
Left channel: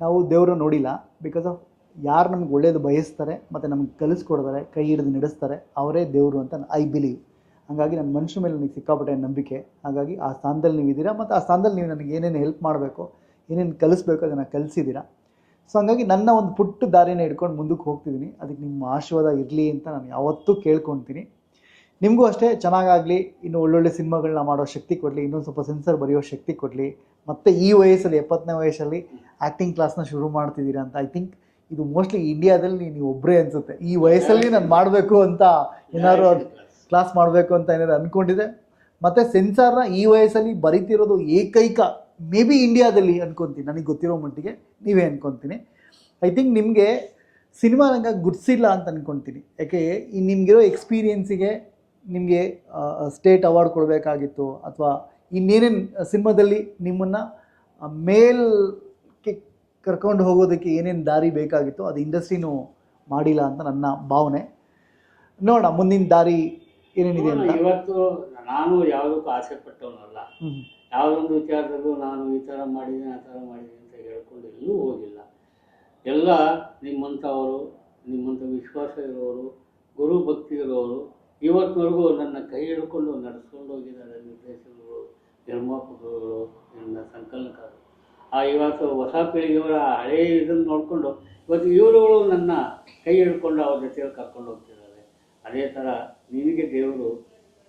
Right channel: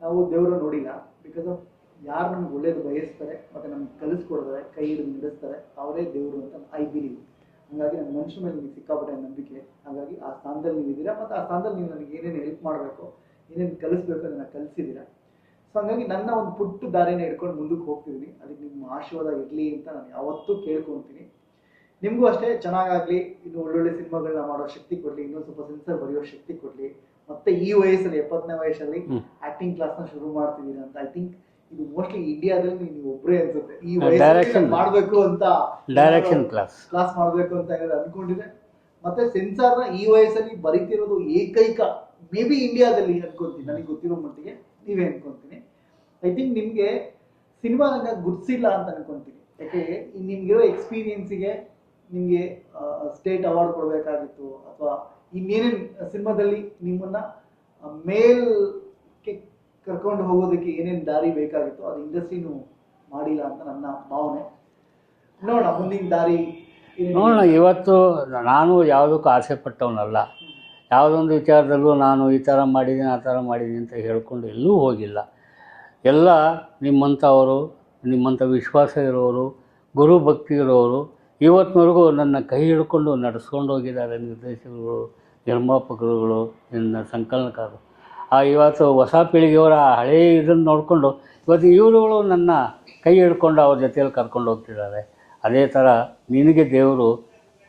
ನಾವು ದೇವರು ನೋಡಿಲ್ಲ, ಬಿಕಾಸ್ ಆಫ್ ಯಾರು ನಮ್ಗೆ ಒಳ್ಳೇದು ಬಯಸ್ತಾರೆ ಮತ್ತು ನಮ್ಗೆ ಕಲಿಸ್ಕೊಡ್ತಾರೆ, ಕೈ ಹಿಡಿದು ನಡೆಸ್ತಾರೆ, ಅವರೇ ದೇವರು ಅಂತ ಐ ಬಿಲೀವ್. ಹಾಗಾಗಿ ನನ್ನ ಮನುಷ್ಯ ಮೇಲೆ ನನಗೆ ಸಿಕ್ಕಾಪಟ್ಟೆ ನಂಬಿಕೆ. ಹಾಗಾಗಿ ಆ ಸ್ಥಾನದಲ್ಲಿ ನೀವು ಇದ್ದೀರಾ, ಮತ್ತು ಆ ಸ್ಥಾನದಲ್ಲಿ ನೀವು ನನಗೆ ಏನೇನು ಹೆಲ್ಪ್ ಮಾಡಬೇಕು, ಏನೇನು ಕಲಿಸ್ಬೇಕು ಅದನ್ನು ಕಲಿಸಿದ್ದೀರಾ. ಸೊ ಹಾಗಾಗಿ ನನ್ನ ಒಂದು ಪುಟ್ಟ ದಾರಿನ ಹಿಡ್ಕೊಂಡು ಮುಂದಕ್ಕೆ ಹೋಗ್ತಿದ್ದೀನಿ. ಅದಕ್ಕೆ ನಿಮ್ಮ ಆಶೀರ್ವಾದ ಇರಲಿ ಅಂತ ನಾನು ಯಾವತ್ತೂ ಕೇಳ್ಕೊತೀನಿ. ನಿಮಗೂ ಅಷ್ಟೇ ಚೆನ್ನಾಗಾಗಲಿ, ಇನ್ನು ಒಳ್ಳೊಳ್ಳೆ ಸಿನಿಮಾಗಳನ್ನ ಮಾಡೋ ಶಕ್ತಿ ಕೊಡಲಿ, ಇನ್ನೊಂದು ಸ್ವಲ್ಪ ಸೆನ್ಸರ್ ಬರೆಯೋ ಶಕ್ತಿ ಕೊಡಲಿ. ಮತ್ತು ಈ ವಯಸ್ಸಲ್ಲಿ 70ನೇ ವಯಸ್ಸಲ್ಲಿ ಆ್ಯಕ್ಟಿಂಗ್ ಕ್ಲಾಸ್ನ ಶುರು ಮಾಡ್ತಿದ್ದೀರಾ ಅಂತ ಐ ಥಿಂಕ್ ಇದು ಮೋಸ್ಟ್ಲಿ ಇಂಡಿಯಾದಲ್ಲಿ ನೀವು ಒಬ್ಬರೇ ಅನ್ಸುತ್ತೆ ಈ ವಯಸ್ಸಲ್ಲಿ ನಾನು ಮಾಡಬೇಕು ಅಂತ, ಕ್ಲಾಸ್ ಮಾಡಬೇಕು ಅಂತ ಏನಾದ್ರು ಅಂದ್ಕೊಂಡಿದೆ. ಮತ್ತು ಸೆನ್ಸಾರ್ನ ಈ ವಯಸ್ಸಲ್ಲಿ ಬರೀತಿರೋದು ಏಕೈಕ ಮೇ ಬಿ ಇಂಡಿಯಾದಲ್ಲಿ ಅನ್ಕೊತೀನಿ, ನನಗೆ ಗೊತ್ತಿರೋ ಮಟ್ಟಿಗೆ ನೀವೇ ಅನ್ಕೊತೀನಿ. ಐ ಥಿಂಕ್ ನಿಮಗೆ ಸಿನಿಮಾ ರಂಗ ಗುರ್ಸಿಲ್ಲ ಅಂತ ಅನ್ಕೊತೀನಿ. ಯಾಕೆ ನಿಮಗಿರೋ ಎಕ್ಸ್ಪೀರಿಯೆನ್ಸಿಗೆ ನಿಮಗೆ ಸ್ಟೇಟ್ ಅವಾರ್ಡ್ ಕೊಡಬೇಕಾಗಿತ್ತು, ಅಥವಾ ಇನ್ನೇನೇನು ಸಿನಿಮಾದಲ್ಲಿ ನಿಮ್ಮನ್ನು ಮೇಲ್ಗೆ ಕರ್ಕೊಂಡು ಹೋಗೋದಕ್ಕೆ ಏನೇನು ದಾರಿ ಬೇಕಾಗಿತ್ತು ಅದು ಇಂಡಸ್ಟ್ರಿನೂ ಮಾಡಿಲ್ಲ ಅಂತ ನನ್ನ ಭಾವನೆ. ನೋಡೋಣ ಮುಂದಿನ ದಾರಿ ಏನೇನು. ನೋಡೋಣ. ಇವತ್ತು ನಾನು ಯಾವುದಕ್ಕೂ ಆಸೆ ಪಟ್ಟವನಲ್ಲ. ಯಾವುದೊಂದು ವಿಚಾರದಲ್ಲೂ ನಾನು ಈ ಥರ ಮಾಡಿದ್ದೀನಿ ಆ ಥರ ಮಾಡಿದ್ದೀನಿ ಅಂತ ಹೇಳ್ಕೊಂಡು ಎಲ್ಲೂ ಹೋಗಿಲ್ಲ. ಎಲ್ಲ ನಿಮ್ಮಂಥವರು, ನಿಮ್ಮಂಥ ವಿಶ್ವಾಸ ಇರೋರು, ಗುರು ಭಕ್ತಿ ಇರೋರು ಇವತ್ತಿನವರೆಗೂ ನನ್ನ ಕೈ ಹಿಡ್ಕೊಂಡು ನಡೆಸ್ಕೊಂಡು ಹೋಗಿದ್ದಾರೆ. ನಿರ್ದೇಶಕರು, ನಿರ್ಮಾಪಕರುಗಳು, ನನ್ನ ಸಂಕಲನಕಾರರು. ಇವತ್ತು ಹೊಸ ಪೀಳಿಗೆಯವರ ಹಳೆಯ ಇದನ್ನು ನೋಡಿಕೊಂಡು ಇವತ್ತು ಇವರುಗಳು ನನ್ನ ಕೈ ಹಿಡ್ಕೊಂಡು ಅವ್ರ ಜೊತೆಯಲ್ಲಿ ಕರ್ಕೊಂಡು ಹೋಗ್ತಿದ್ದಾರೆ. ಅದೇ ಥರ ನಿನಗೆ ದೇವರು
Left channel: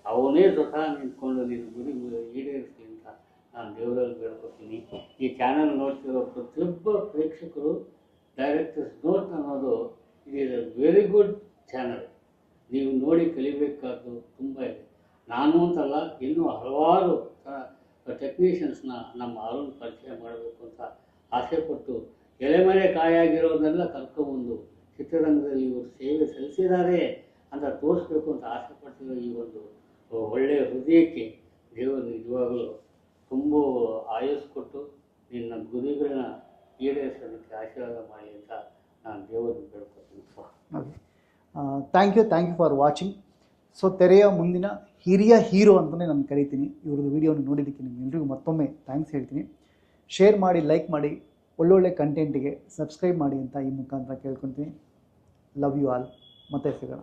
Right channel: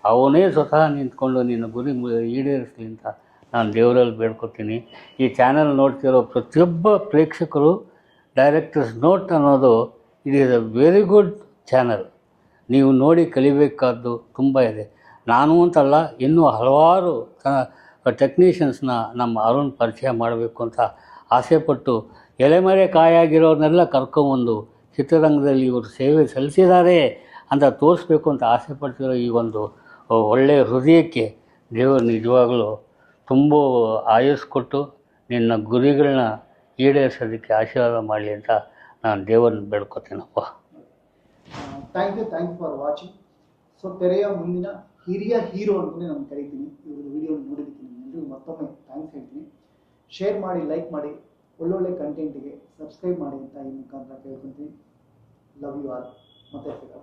ಅವನೇ ಸ್ವತಃ ನಿಂತ್ಕೊಂಡು ನಿನ್ನ ಗುರಿ ಈಡೇರಿಸಲಿ ಅಂತ ನಾನು ದೇವರಲ್ಲಿ ಬೇಡ್ಕೊತೀನಿ. ಈ ಚಾನಲ್ ನೋಡ್ತಿರೋ ಪ್ರತಿಯೊಬ್ಬ ಪ್ರೇಕ್ಷಕರು ಡೈರೆಕ್ಟರ್ಸ್ ನೋಟ್ ಅನ್ನೋದು it is a very good channel. ನೀವು ನೋಡಿ ಕಲಿಬೇಕಾದ್ದು ತುಂಬ ಇದೆ. ನಾನು ಅಂತಲ್ಲ, ಇನ್ನೂ ಹಲವಾರು ಟೆಕ್ನಿಷಿಯನ್ಸ್ನ ನಮ್ಮ ಅರುಣ್ ಪರಿಚಯ ಮಾಡಬೇಕು ಅಂತ ಆಸೆಪಟ್ಟು ಎಲೆಮರೆ ಕಾಯಾಗಿರೋರನ್ನೆಲ್ಲ ಕರ್ಕೊಂಬಂದು ಚಿತ್ರರಂಗದಲ್ಲಿ ಇವರು ಸೇವೆ ಸಲ್ಲಿಸಿದ್ದಾರೆ ಅಂತ ತೋರಿಸ್ಬೇಕು ಅಂತ ಆಸೆ ಪಡ್ತಿರೋ ಈ ಒಂದು ಒಳ್ಳೆಯ ಹೃದಯಕ್ಕೆ ದೇವರು ನಿಜವಾಗಲೂ ತುಂಬ ಆಯಸ್ಸು ಕೊಟ್ಟು ನಿನ್ನ ಗುರಿಗಳನ್ನ ಈಡೇರಿಸೋದಕ್ಕೆ ಆಶೀರ್ವಾದ ಮಾಡಲಿ ಅಂತ ನಾನು ದೇವರನ್ನ ಬೇಡ್ಕೊತೀನಪ್ಪ. Thank you for watching. So ತೆರೆಯ ಮುಂದಿನ ಹಿರಿಯ ಹೀರೋ ಅಂತಲೇ ನಾನು ಕರಿತೀನಿ. ಇವ್ರದ್ದು ವೀಡಿಯೋನ ನೋಡಿದ್ದಕ್ಕೆ ನಿಮ್ಮೆಲ್ಲರಿಗೂ ಮತ್ತೊಮ್ಮೆ ಥ್ಯಾಂಕ್ಸ್ ಹೇಳ್ತೀನಿ. ಶೇರ್ ಮಾಡಿ, ಲೈಕ್ ಮಾಡಿ, ಒಳ್ಳೊಳ್ಳೆ ಕಂಟೆಂಟಿಗೆ ಸಬ್ಸ್ಕ್ರೈಬ್ ಮಾಡಿ ಅಂತ ಈ ಮುಖಾಂತರ ಕೇಳ್ಕೊತೀನಿ. Love you all. ಮತ್ತೆ ಸಿಗೋಣ.